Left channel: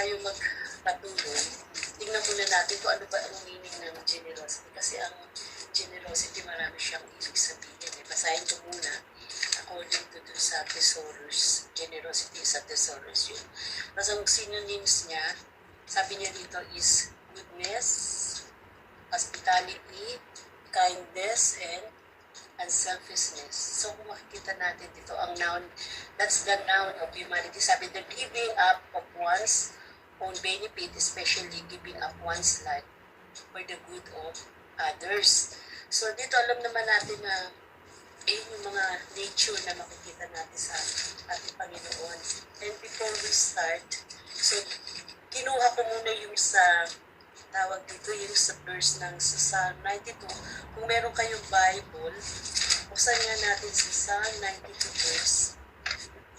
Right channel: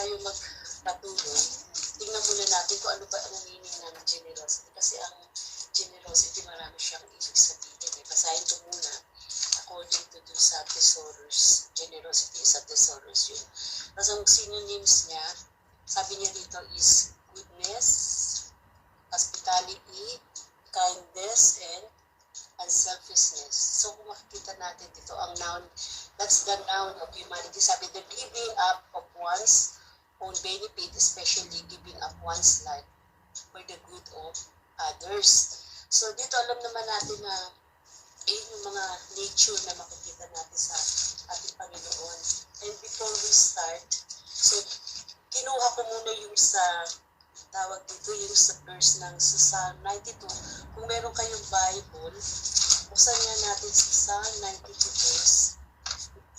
tayo magpatuloy, tingnan muna natin kung ano ba ang meaning ng generosity. Kasi ang generosity, marami siyang ibig sabihin. Basahin ko muna according to dun sa thesaurus. Generosity is a thesaurus yun. Tapos ang synonyms niya, sabi niya dito is goodness, hospitality, kindness, and unselfishness. So kung makikita natin dito, ang noun, that's the noun of humanity. Sabi, the giving up of one's own benefit, especially giving up one's life for the good of others. So dito alam naman natin na yung mga nature na makikita natin sa ating Panginoon. And before we start, so kinuha ko muna yung sa tawag dito, yung sa verse ng sa Psalm 92. Kung meron kayong Bible, buksan nga natin sa Psalm 92 verse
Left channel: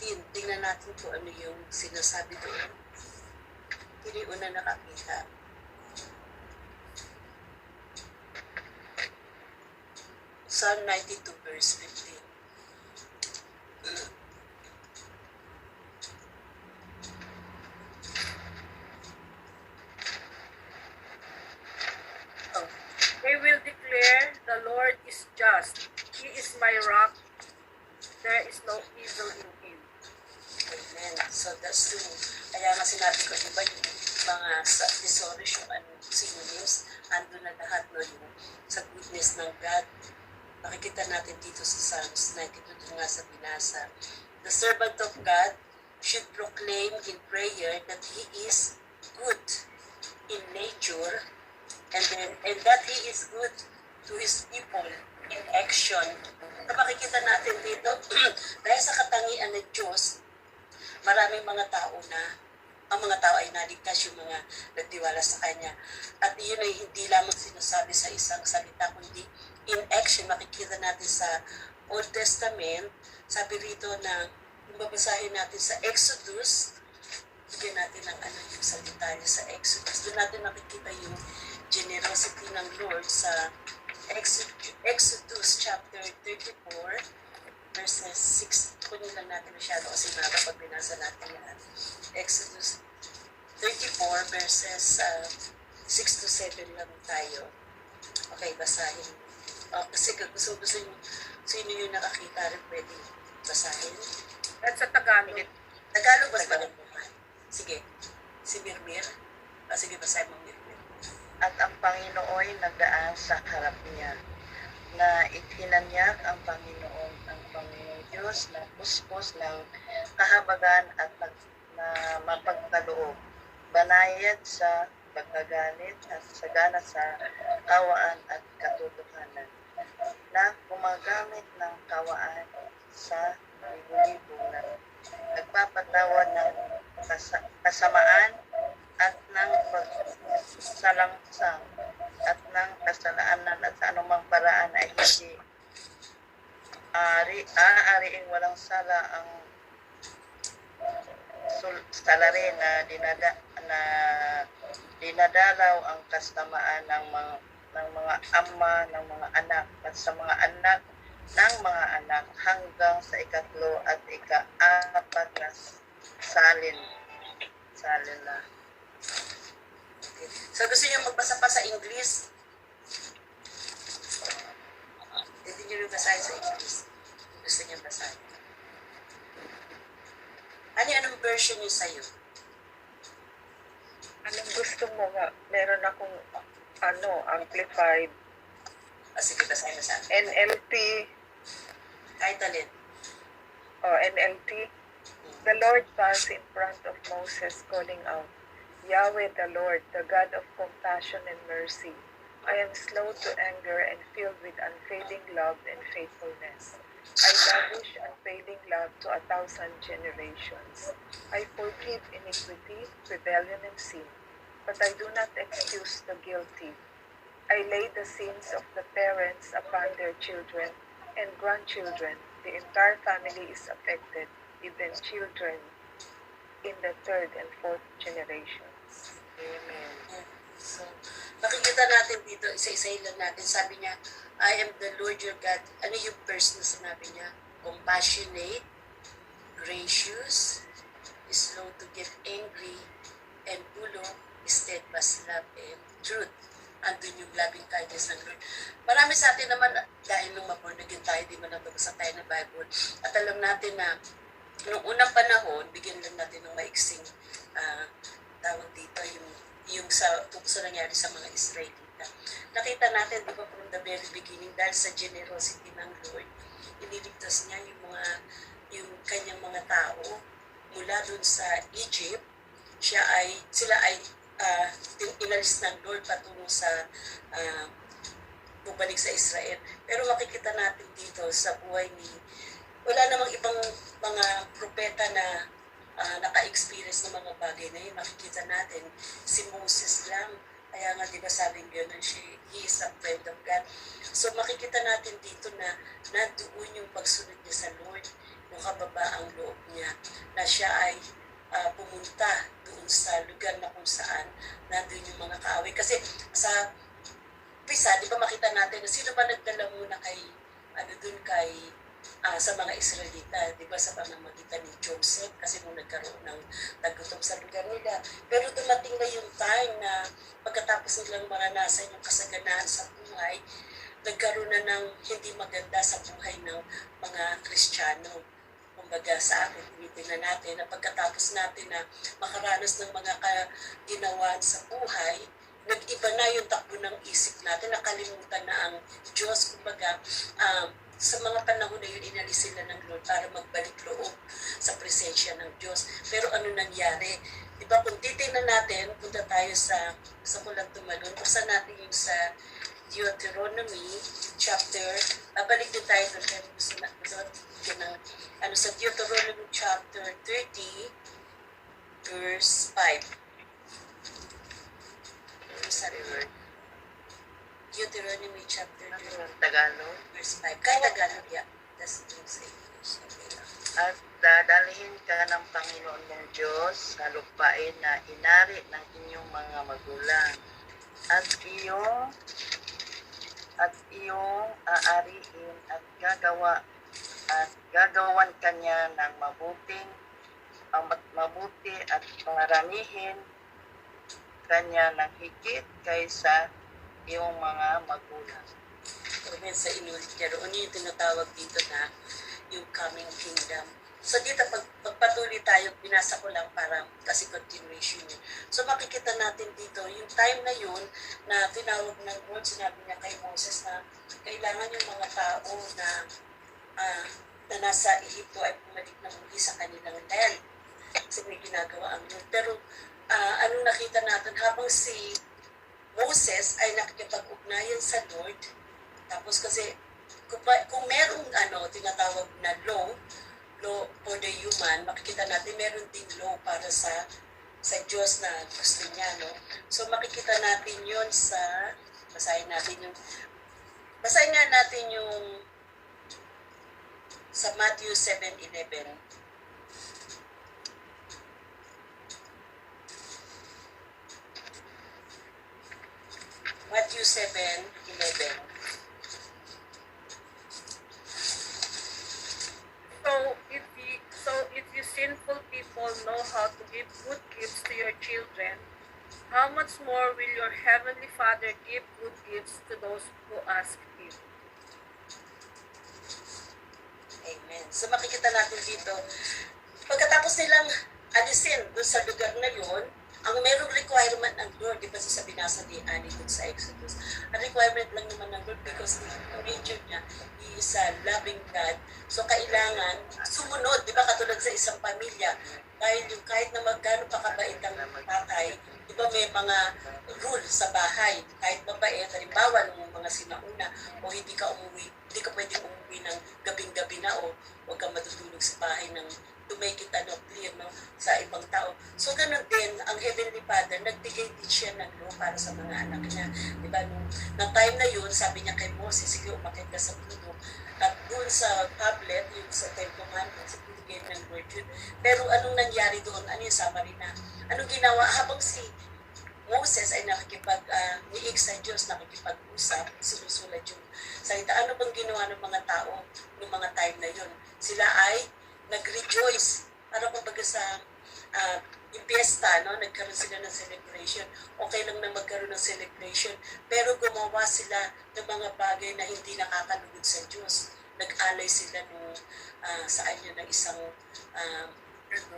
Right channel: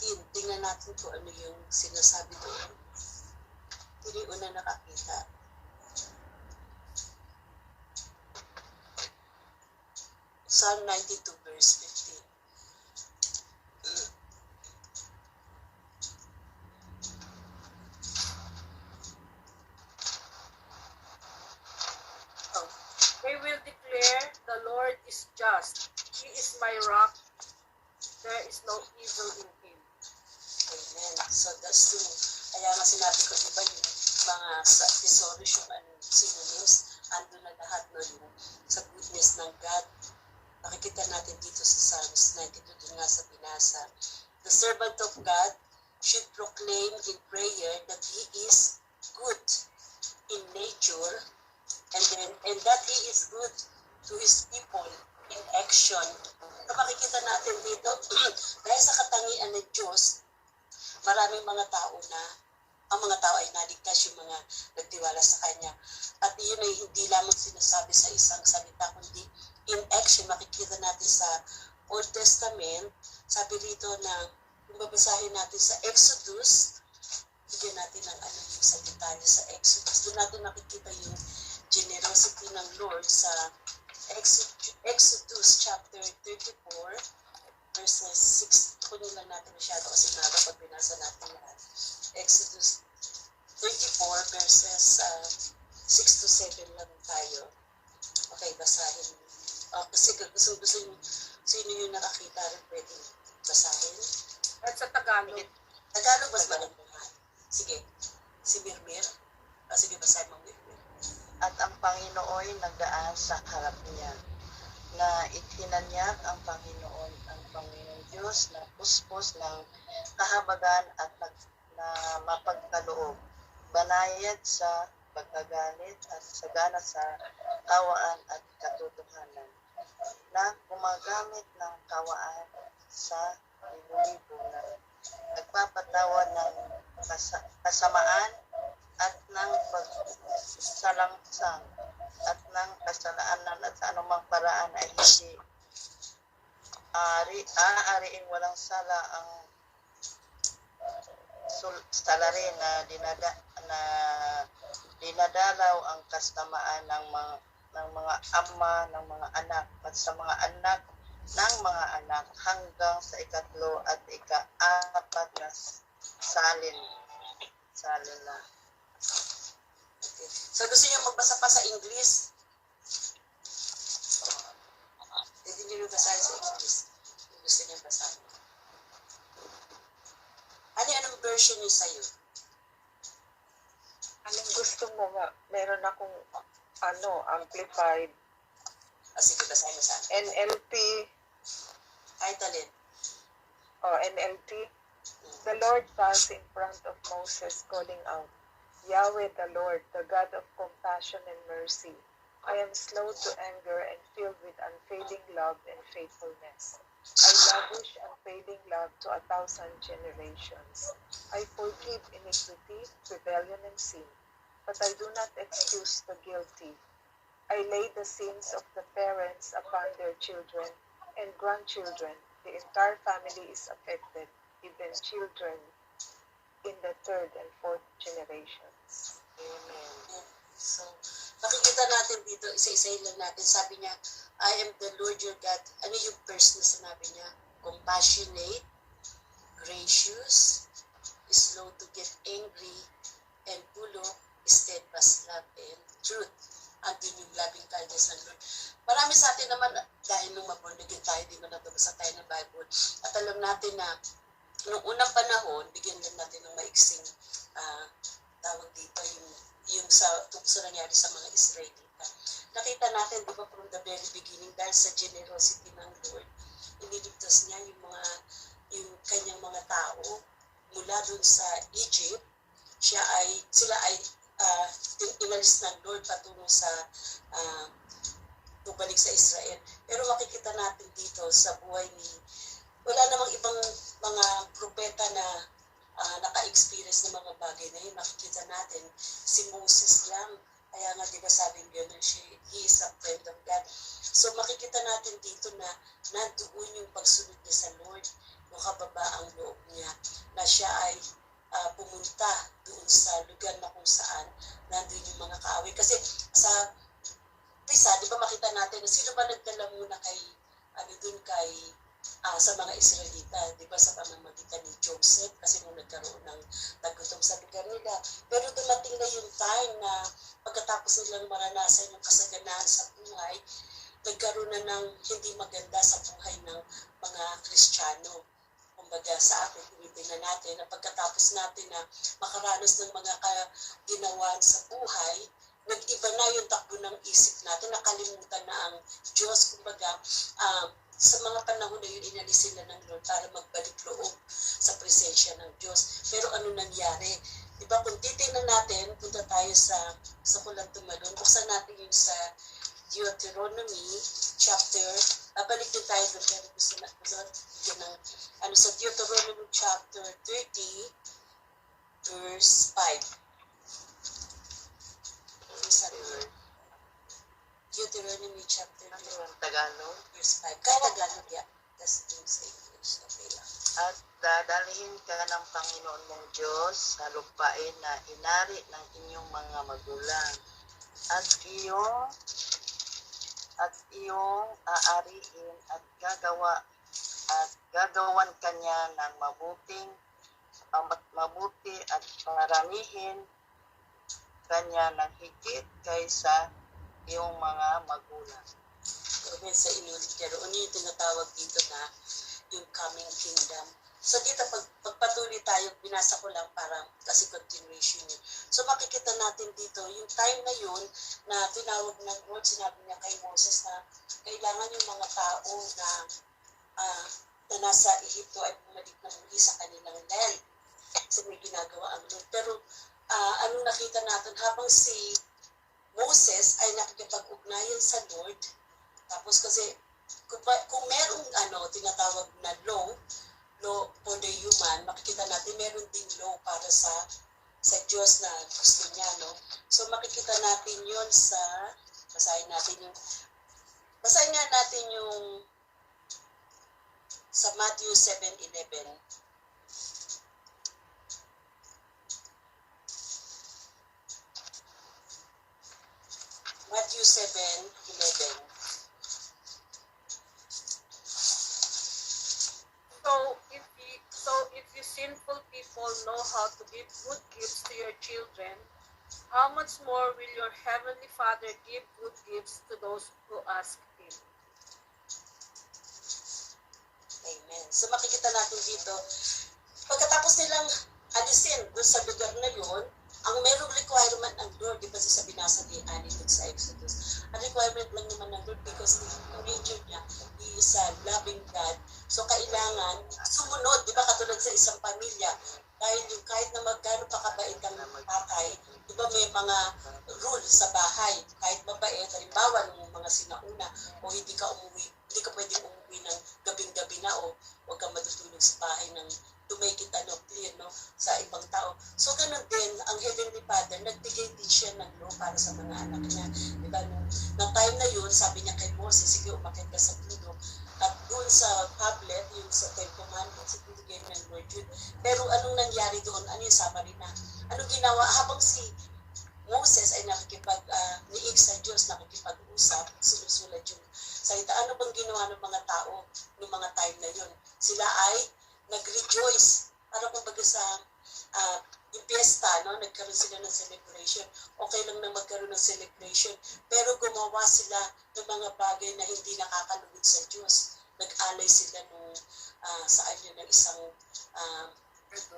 15. Tingnan natin kung ano yung sinasabi doon. Hindi una nakakita. Psalm 92 verse 15. They will declare, the Lord is just. He is my rock. There is no evil in him. Amen. So that's true. Kaya nga sinabi ko, diba yung mga sa thesaurus, yung synonyms, ando na lahat, no, yung sa goodness ng God. Makikita natin dito sa Psalms 92, dun nga sa binasa. The servant of God should proclaim in prayer that He is good in nature, and that He is good to His people in action. So makikita natin dito, dahil sa katangian ng Diyos, maraming mga tao na, ang mga tao ay naligtas, yung mga nagtiwala sa Kanya. At yun ay hindi lamang sinasabi sa isang salita, kundi in action. Makikita natin sa Old Testament, sabi rito na, kung babasahin natin sa Exodus, bigyan natin ng ano yung sa detalye sa Exodus. Doon natin makikita yung generosity ng Lord sa Exodus chapter 34, verses 6. Kunin lang natin masyado kasi maga pag binasa natin yan. Exodus 34, verses 6 to 7 lang tayo. Okay, basahin. Kasi gusto yung sino yung nakakita rin pwede basahin. At sa Tagalog. Tagalog ba sa Sige. Si Mirmir. Sige, basahin mo Mirmir. At ang Panginoon nagdaan sa harap niya, na itinanyak ang Panginoong Diyos na puspos ng kahabagan at na mapagkaloob, banayad sa pagkagalit at sagana sa kawaan at katotohanan, na gumagamit ng kawaan sa libo-libo na nagpapatawad ng kasamaan at ng pagsalangsang at ng kasalanan at sa anumang paraan ay hindi aariing walang sala ang salari na dinadalaw ang kasamaan ng mga ama, ng mga anak at sa mga anak ng mga anak hanggang sa ikatlo at ika-apat na salin na. Okay. So gusto niyo magbasa pa sa English? Hindi niyo basahin sa English. Gusto niyo basahin. Anong version niyo sa'yo? Anong gusto mo nga? Meron akong amplified. Sige, basahin na sa akin. NLT. Kahit alin. NLT. The Lord stands in front of Moses calling out, Yahweh the Lord, the God of compassion and mercy. I am slow to anger and filled with unfailing love and faithfulness. I lavish unfailing love to 1,000 generations. I forgive iniquity, rebellion, and sin, but I do not excuse the guilty. I lay the sins of the parents upon their children and grandchildren. The entire family is affected, even children in the third and fourth generations. Amen. So, makikita natin dito, isa-isahin lang natin. Sabi niya, I am the Lord your God. Ano yung verse na sinabi niya? Compassionate, gracious, slow to get angry, and dulo, steadfast love and truth. Andun yung loving kindness ng Lord. Marami sa atin naman, dahil nung maborn again tayo, di man nabasa tayo ng Bible, at alam natin na noong unang panahon, bigyan lang natin ng maiksing tawag dito, sa nangyari sa mga Israelita. Nakita natin, di ba, from the very beginning, dahil sa generosity ng Lord, iniligtas niya yung kanyang mga tao mula dun sa Egypt. Sila ay inalis ng Lord patungo sa bubalik sa Israel. Pero makikita natin dito sa buhay wala namang ibang mga propeta na naka-experience ng mga bagay na yun. Makikita natin si Moses lang. Kaya nga, di ba, sabing gano'n, he is a friend of God. So makikita natin dito na nandoon yung pagsunod niya sa Lord, yung kababaang loob niya, na siya ay pumunta doon sa lugar na kung saan nandun yung mga kaaway. Kasi sa umpisa, di ba, makita natin na sino ba nagdala muna sa mga Israelita, di ba, sa pamamagitan ni Joseph, kasi nung nagkaroon ng tagutom sa lugar nila. Pero dumating na yung time na pagkatapos nilang maranasan yung kasaganaan sa buhay, nagkaroon na ng hindi maganda sa buhay ng mga Kristiyano. Kumbaga sa atin, tinitingnan natin na pagkatapos natin na makaranas ng mga ginawan sa buhay, nag-iba na yung takbo ng isip natin, nakalimutan na ang Diyos. Kumbaga, sa mga panahon na yun, inalis sila ng Lord para magbalik loob sa presensya ng Diyos. Pero ano nangyari? Diba, kung titignan natin, punta tayo sa kulang tumalon, buksan natin yung sa Deuteronomy chapter, balik din tayo doon, kaya gusto sa Deuteronomy chapter 30, verse 5. Sorry, word. Deuteronomy chapter 30, Tagalog. verse 5. Kaya Tagalog, yeah. That's yung sa English. Okay lang. At dadalhin ka ng Panginoon mong Diyos sa lupain na inari ng inyong mga magulang. At iyong aariin at gagawan kanya ng mabuti at paramihin kanya ng higit kaysa iyong mga magulang. Amen, sa inulit niya roon yung tinatawag dito na yung coming kingdom. So dito, pagpatuloy tayo, binasa ko lang para kasi continuation yun. So makikita natin dito, yung time na yun na tinawag ng Lord, sinabi niya kay Moses na kailangan yung mga tao na nasa Egypto ay bumalik na muli sa kanilang land. Kasi may ginagawa ang Lord. Pero anong nakita natin, habang si Moses ay nakikipag-ugnayan sa Lord, tapos kasi kung merong tinatawag na law for the human, makikita natin meron ding law para sa Diyos na gusto niya, no? So makikita natin yun basahin nga natin yung sa Matthew 7:11. Matthew 7:11. So if you sinful people know how to give good gifts to your children, how much more will your heavenly Father give good gifts to those who ask Him? Amen. So makikita natin dito, pagkatapos nilang alisin doon sa lugar na yun, ang merong requirement ng Lord, di ba sa binasa ni Ani dun sa Exodus, ang requirement lang naman ng Lord because the nature niya, He is a loving God. So kailangan sumunod, di ba, katulad sa isang pamilya, kahit na magkano pa kabait ang tatay, di ba may mga rule sa bahay, kahit mabait, halimbawa ng mga sinauna, o hindi ka pwedeng umuwi ng gabing-gabi na, o huwag kang matutulog sa bahay ng to make it clear, no, sa ibang tao. So ganun din, ang Heavenly Father, nagbigay din siya ng law para sa mga anak niya. Diba, nung time na yun, sabi niya kay Moses, sige, umakit ka sa puno. At doon sa tablet, yung sa Ten Commandments, ibigay ng Lord yun. Pero anong nangyari doon? Ano yung summary na? Anong ginawa? Habang si Moses ay niig sa Diyos, nakikipag-usap, sinusulat yung salita. Ano bang ginawa ng mga tao noong mga time na yun? Sila ay nag-rejoice. Para kumbaga sa, naging piyesta, no? Nagkaroon sila ng celebration. Okay lang na magkaroon ng celebration. Pero gumawa sila ng mga bagay na hindi nakakalugod sa Diyos. Nag-alay sila nung saan yun, ng isang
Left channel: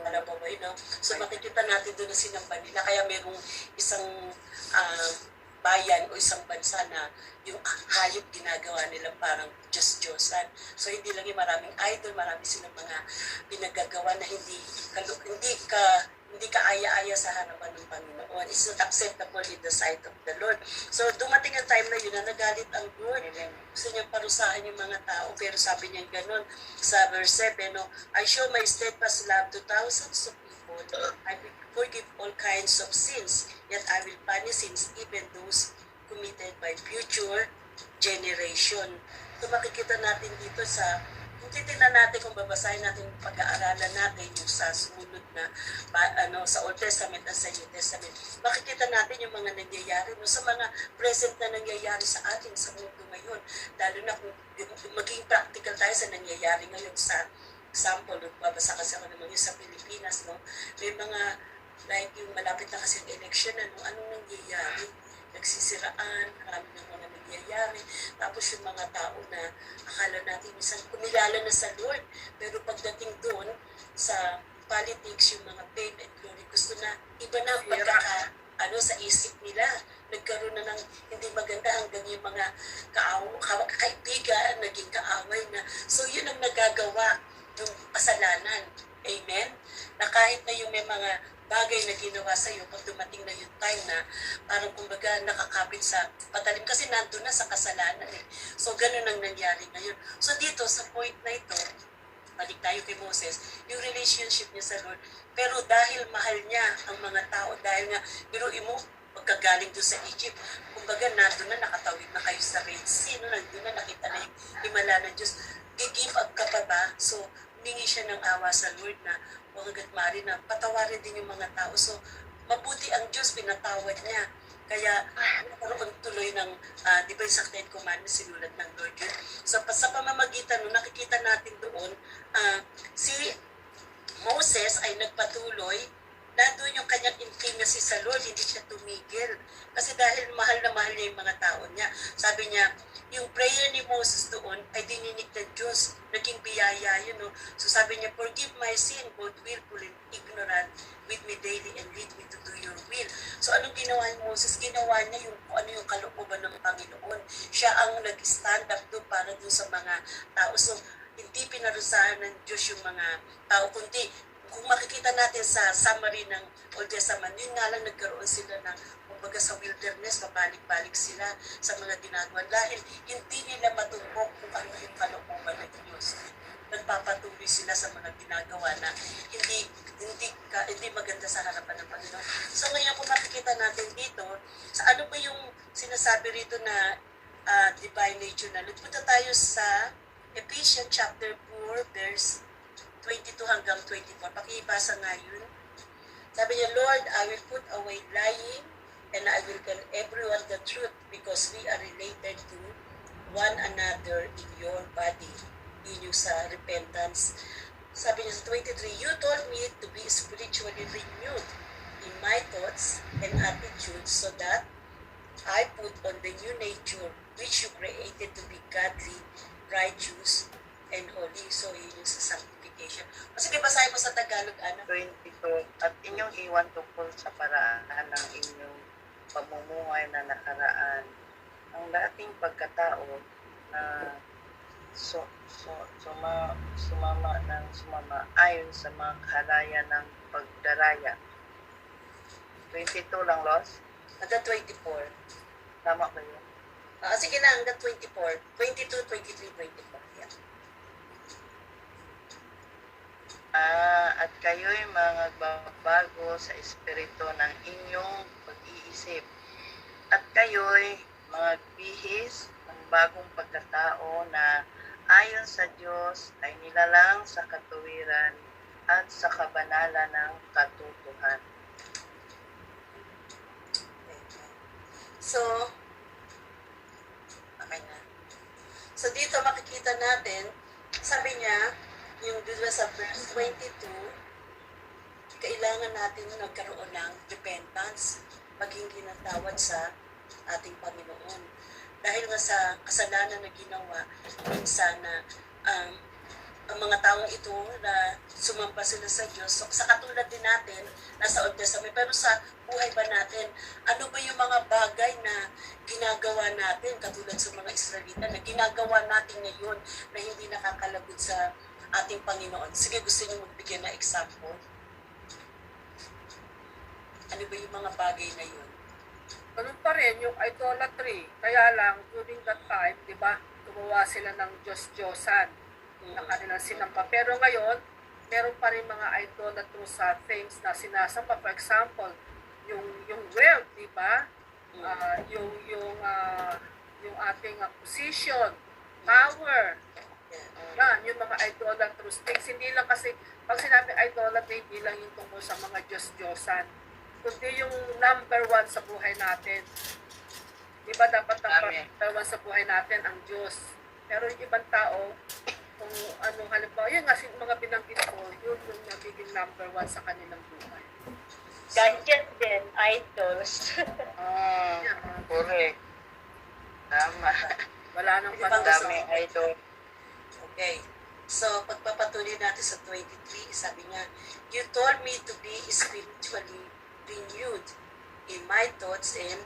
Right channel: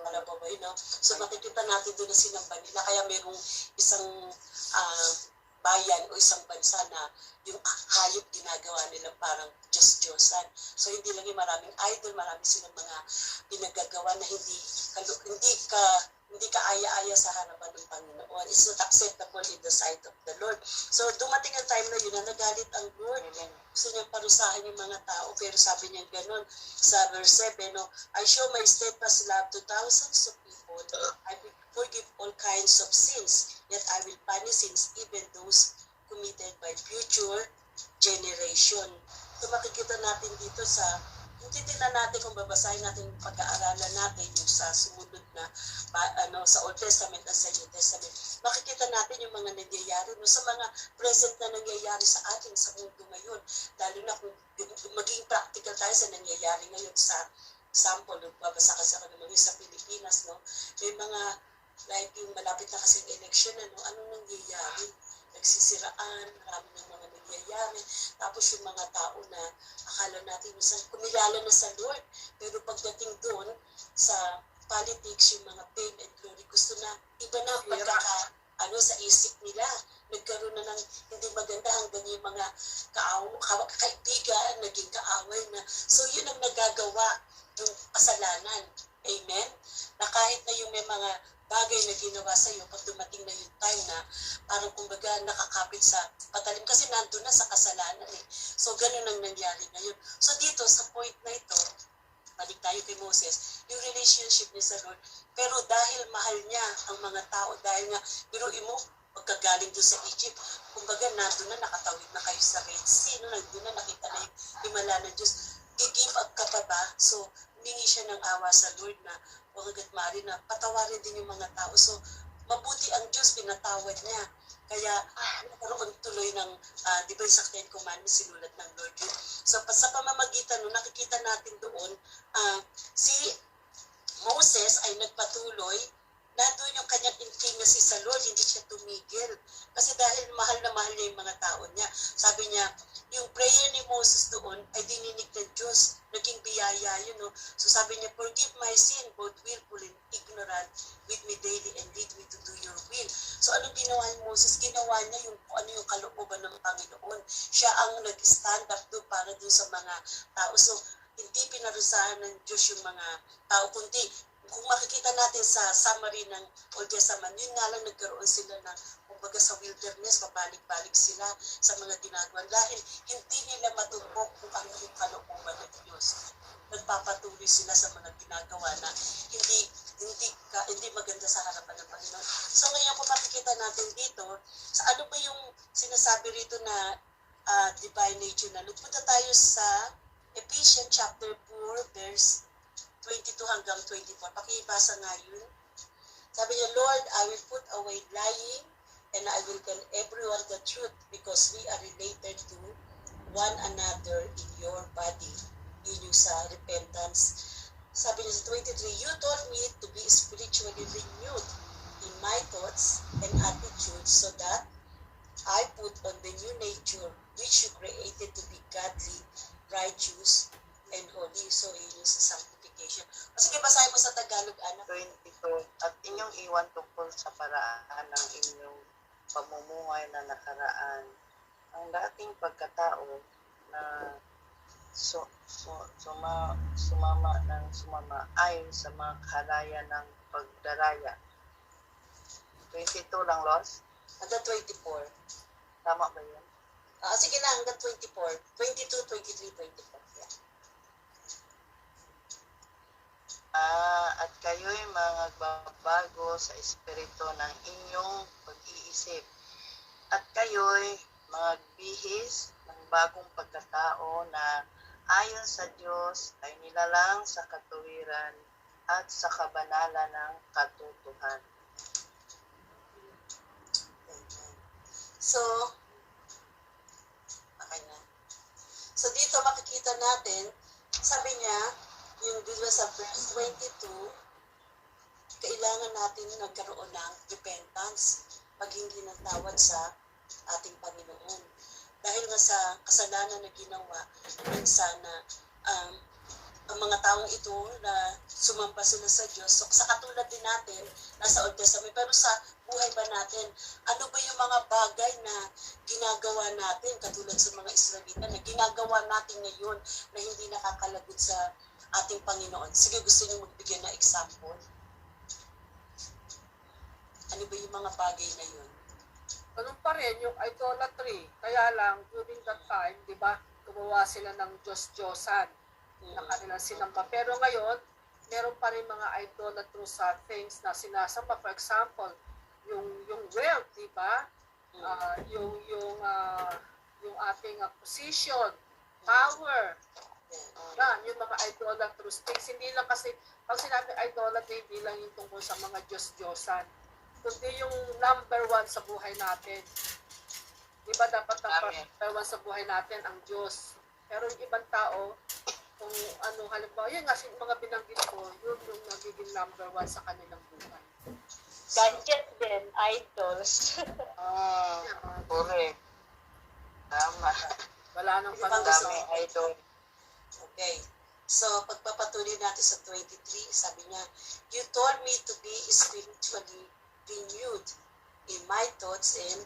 alabaway, no? So makikita natin doon na sinamba nila. Kaya merong isang bayan o isang bansa na yung hayop ginagawa nila parang Diyos-Diyosan. So hindi lang yung maraming idol, marami silang mga pinagagawa na hindi ka aya-aya sa harapan ng Panginoon. It's not acceptable in the sight of the Lord. So dumating ang time na yun na nagalit ang Lord. Gusto niya parusahan yung mga tao, pero sabi niya ganun sa verse 7, no? I show my steadfast love to thousands of people. I will forgive all kinds of sins, yet I will punish sins, even those committed by future generation. So makikita natin dito kung titignan natin, kung babasahin natin, pag-aaralan natin yung sa sumunod na sa Old Testament at sa New Testament, makikita natin yung mga nangyayari, no, sa mga present na nangyayari sa atin sa mundo ngayon. Lalo na kung maging practical tayo sa nangyayari ngayon sa example, babasa kasi ako naman yung sa Pilipinas, no? May mga, like yung malapit na kasi yung election, anong nangyayari? Nagsisiraan, marami ng mga nangyayari. Tapos yung mga tao na akala natin minsan kumilala na sa Lord. Pero pagdating doon sa politics, yung mga fame and glory, gusto na iba na sa isip nila. Nagkaroon na ng hindi maganda hanggang yung mga kaibigan, naging kaaway na. So yun ang nagagawa yung kasalanan. Amen? Na kahit na yung may mga bagay na ginawa sa iyo, pag dumating na yung time na parang kumbaga nakakapit sa patalim kasi nandun na sa kasalanan eh. So ganun ang nangyari ngayon. So dito sa point na ito, balik tayo kay Moses, yung relationship niya sa Lord, pero dahil mahal niya ang mga tao, dahil nga, biruin mo, pagkagaling doon sa Egypt, kumbaga nandun na nakatawid na kayo sa Red Sea, no? Nandun na nakita na yung himala ng Diyos, i-give up ka pa ba? So humingi siya ng awa sa Lord na huwag agad maaari na patawarin din yung mga tao. So, mabuti ang Diyos, pinatawad niya. Kaya, nagkaroon tuloy ng, di ba yung sa Ten Commandments, sinulat ng Lord yun. So, sa pamamagitan, nakikita natin doon, si Moses ay nagpatuloy, nandun yung kanyang intimacy sa Lord, hindi siya tumigil. Kasi dahil mahal na mahal niya yung mga tao niya. Sabi niya, yung prayer ni Moses doon ay dininig ng Diyos. Naging biyaya yun, no? So sabi niya, forgive my sin, both willful and ignorant, with me daily and lead me to do your will. So anong ginawa ni Moses? Ginawa niya yung ano yung kalooban ng Panginoon. Siya ang nag-stand up doon para doon sa mga tao. So hindi pinarusahan ng Diyos yung mga tao, kundi kung makikita natin sa summary ng Old Testament, yun nga lang nagkaroon sila ng, kumbaga sa wilderness, pabalik-balik sila sa mga ginagawa. Dahil hindi nila matumbok kung ano yung kalooban ng Diyos. Nagpapatuloy sila sa mga ginagawa na hindi maganda sa harapan ng Panginoon. So ngayon kung makikita natin dito, sa ano ba yung sinasabi rito na divine nature na, nagpunta tayo sa Ephesians chapter 4, verse 22 hanggang 24. Pakibasa nga yun. Sabi niya, Lord, I will put away lying and I will tell everyone the truth because we are related to one another in your body. Yun yung sa repentance. Sabi niya sa 23, you told me to be spiritually renewed in my thoughts and attitudes so that I put on the new nature which you created to be godly, righteous, and holy. So yun yung sa sanctification. Sige, basahin mo sa Tagalog, Ana. 22, at inyong iwan tungkol sa paraan ng inyong pamumuhay na nakaraan, ang dating pagkatao na sumama ayon sa mga kahalaya ng pagdaraya. 22 lang, Los? Hanggang 24. Tama ba yun? Sige na, hanggang 24. 22, 23, 24. Yeah. At kayo'y mga bago sa espiritu ng inyong pag-iisip. At kayo'y mga bihis ng bagong pagkatao na ayon sa Diyos ay nilalang sa katuwiran at sa kabanalan ng katotohanan. So, okay na. So dito makikita natin, sabi niya, yung dito sa verse 22, kailangan natin nagkaroon ng repentance, pag-hingi ng tawad sa ating Panginoon. Dahil nga sa kasalanan na ginawa, minsan na ang mga taong ito na sumamba sila sa Diyos, so, sa katulad din natin, nasa Old Testament, pero sa buhay ba natin, ano ba yung mga bagay na ginagawa natin, katulad sa mga Israelita, na ginagawa natin ngayon na hindi nakakalagod sa ating Panginoon? Sige, gusto niyo magbigay na example? Ano ba yung mga bagay na yun? Ganun pa rin yung idolatry. Kaya lang, during that time, di ba, gumawa sila ng Diyos-Diyosan ng kanilang sinamba. Pero ngayon, meron pa rin mga idolatrous things na sinasamba. For example, yung wealth, di ba? Yung ating position, power. Yan, yung mga idolatrous things. Hindi lang kasi, pag sinabi idolatry, hindi lang yung tungkol sa mga Diyos-Diyosan, kundi yung number one sa buhay natin. Di ba dapat number one sa buhay natin ang Diyos? Pero yung ibang tao, kung anong halimbawa, yun nga mga binanggit ko, yun yung nagiging number one sa kanilang buhay. Gadget din, idols. Correct. Tama. Wala nang Ibang Dami idol. Okay. So, pagpapatuloy natin sa 23, sabi niya, you told me to be spiritually renewed in my thoughts and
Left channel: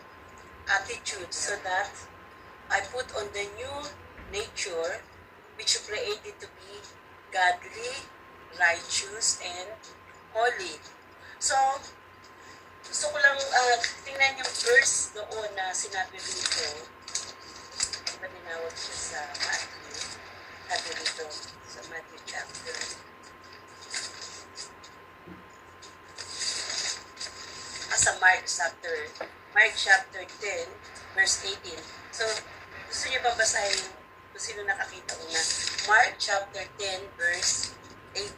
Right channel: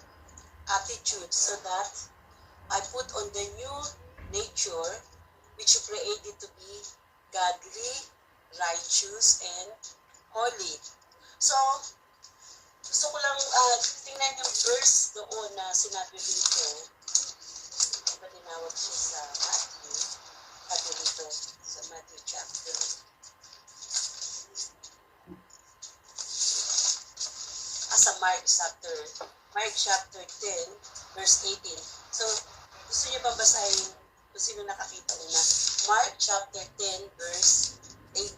attitudes so that I put on the new nature which you created to be godly, righteous, and holy. So, gusto ko lang tingnan yung verse doon na sinabi rito. Ano ba tinawag siya sa Matthew? Sabi rito sa Matthew chapter. Sa Mark chapter 10, verse 18. So, gusto niyo ba basahin kung sino nakakita una? Mark chapter 10, verse 18.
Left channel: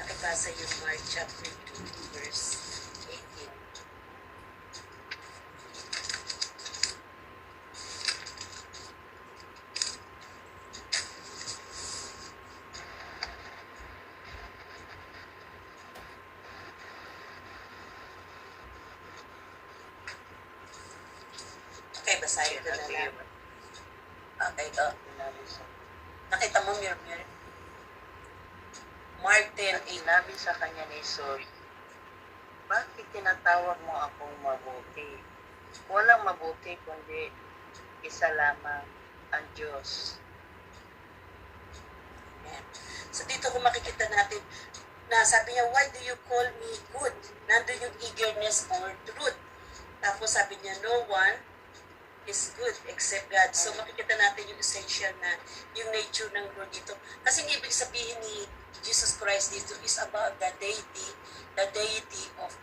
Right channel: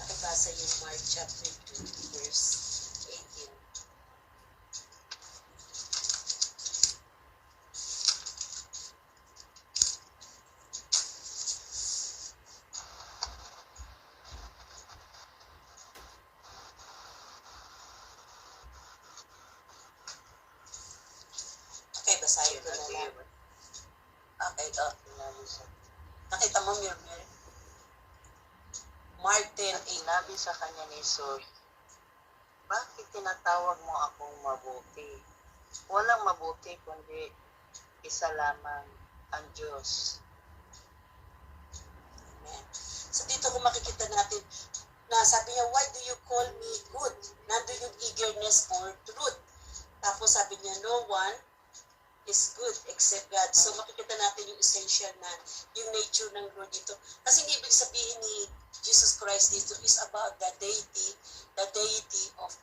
Nakibasa yung Mark chapter 2, verse 18. Okay, basahin ko na lang. Okay, nakita mo, Mirmir? Mark 10, At sinabi sa kanya ni Jesus, bakit tinatawag mo akong mabuti? Walang mabuti kundi isa lamang ang Diyos. Amen. So dito kung makikita natin na sabi niya, why do you call me good? Nandun yung eagerness for truth. Tapos sabi niya, no one is good except God. So makikita natin yung essential na yung nature ng Lord dito. Kasi ang ibig sabihin ni Jesus Christ dito is about the deity of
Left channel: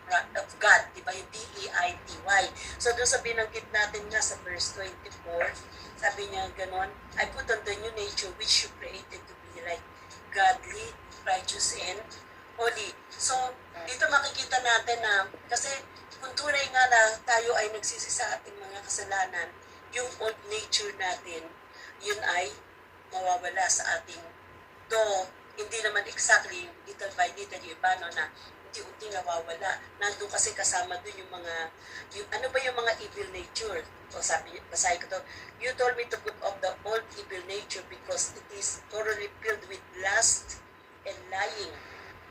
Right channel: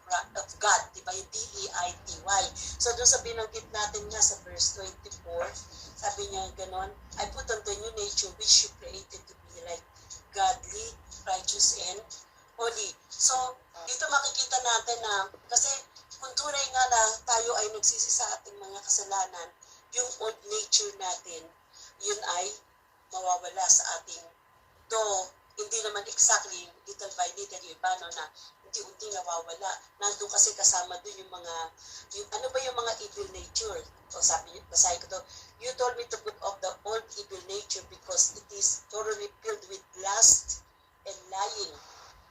God, di ba? Yung D-E-I-T-Y. So doon sa binanggit natin nga sa verse 24, sabi niya ganon, I put on the new nature which you created to be like godly, righteous, and holy. So dito makikita natin na, kasi kung tunay nga na tayo ay nagsisi sa ating mga kasalanan, yung old nature natin, yun ay mawawala sa ating, though hindi naman exactly little by little yung iba, no, na unti-unti nawawala. Nandun kasi kasama dun yung mga, ano ba yung mga evil nature? O sabi, basahin ko to, you told me to put off the old evil nature because it is thoroughly filled with lust and lying.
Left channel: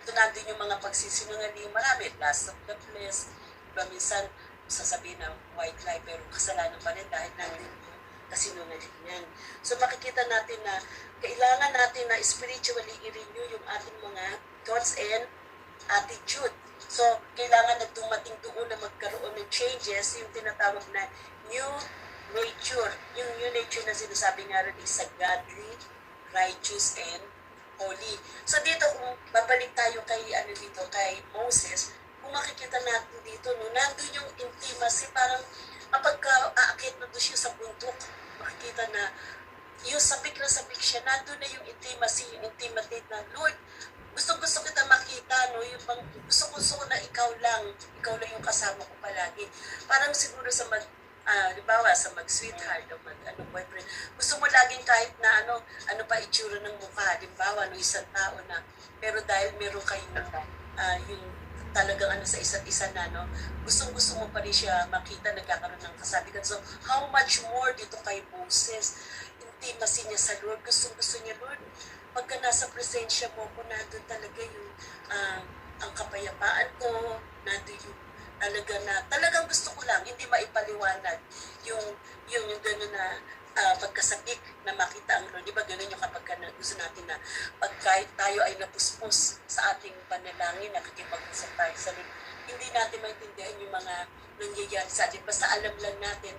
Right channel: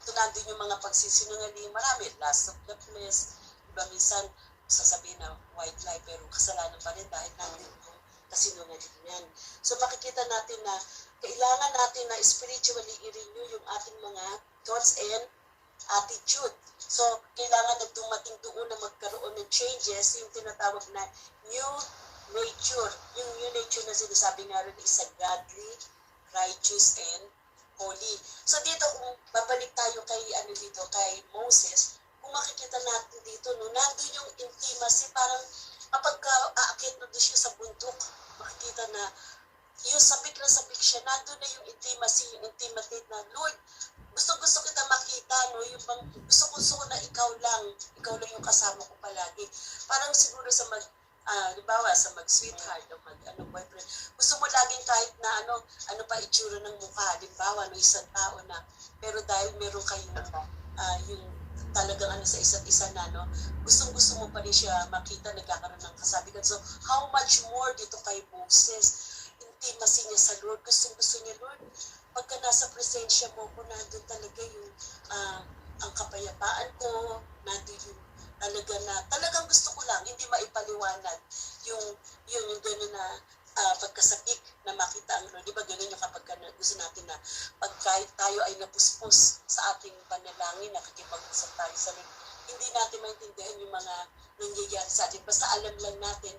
Ito nandun yung mga pagsisinungaling, marami, lust of the flesh, diba minsan sasabihin na white lie, pero kasalanan pa rin dahil nandun yung kasinungalingan. So makikita natin na kailangan natin na spiritually i-renew yung ating mga thoughts and attitude. So kailangan na dumating doon na magkaroon ng changes, yung tinatawag na new nature. Yung new nature na sinasabi nga rin is a godly, righteous, and holy. So dito kung babalik tayo kay kay Moses, kung makikita natin dito, no, nandun yung intimacy, parang kapag aakit na doon siya sa bundok, makikita na yung sabik na sabik siya, nandun na yung intimacy, yung intimate na, Lord, gusto kita makita, no, yung pang, gusto ko na ikaw lang yung kasama ko palagi. Parang siguro sa halimbawa sa mag-sweetheart o boyfriend, gusto mo laging kahit na ano pa itsura ng mukha, halimbawa no isang tao na, pero dahil meron kayong yung talagang sa isa't isa na, no, gustong-gusto mo pa rin siya makita nagkakaroon ng kasabikan. So, how much more dito kay Moses, intimacy niya sa Lord, gustong-gusto niya, Lord, pagka nasa presensya mo ko, nandun talaga yung ang kapayapaan ko, nandun yung talagang gusto ko lang, hindi maipaliwanag yung gano'n na pagkasabik na makita ang Lord. Di ba gano'n yung kapag gusto natin na pag kahit tayo ay napuspos sa ating panalangin, nakikipag-usap tayo sa Lord, hindi natin maintindihan yung mga nangyayari sa atin. Basta alam lang natin,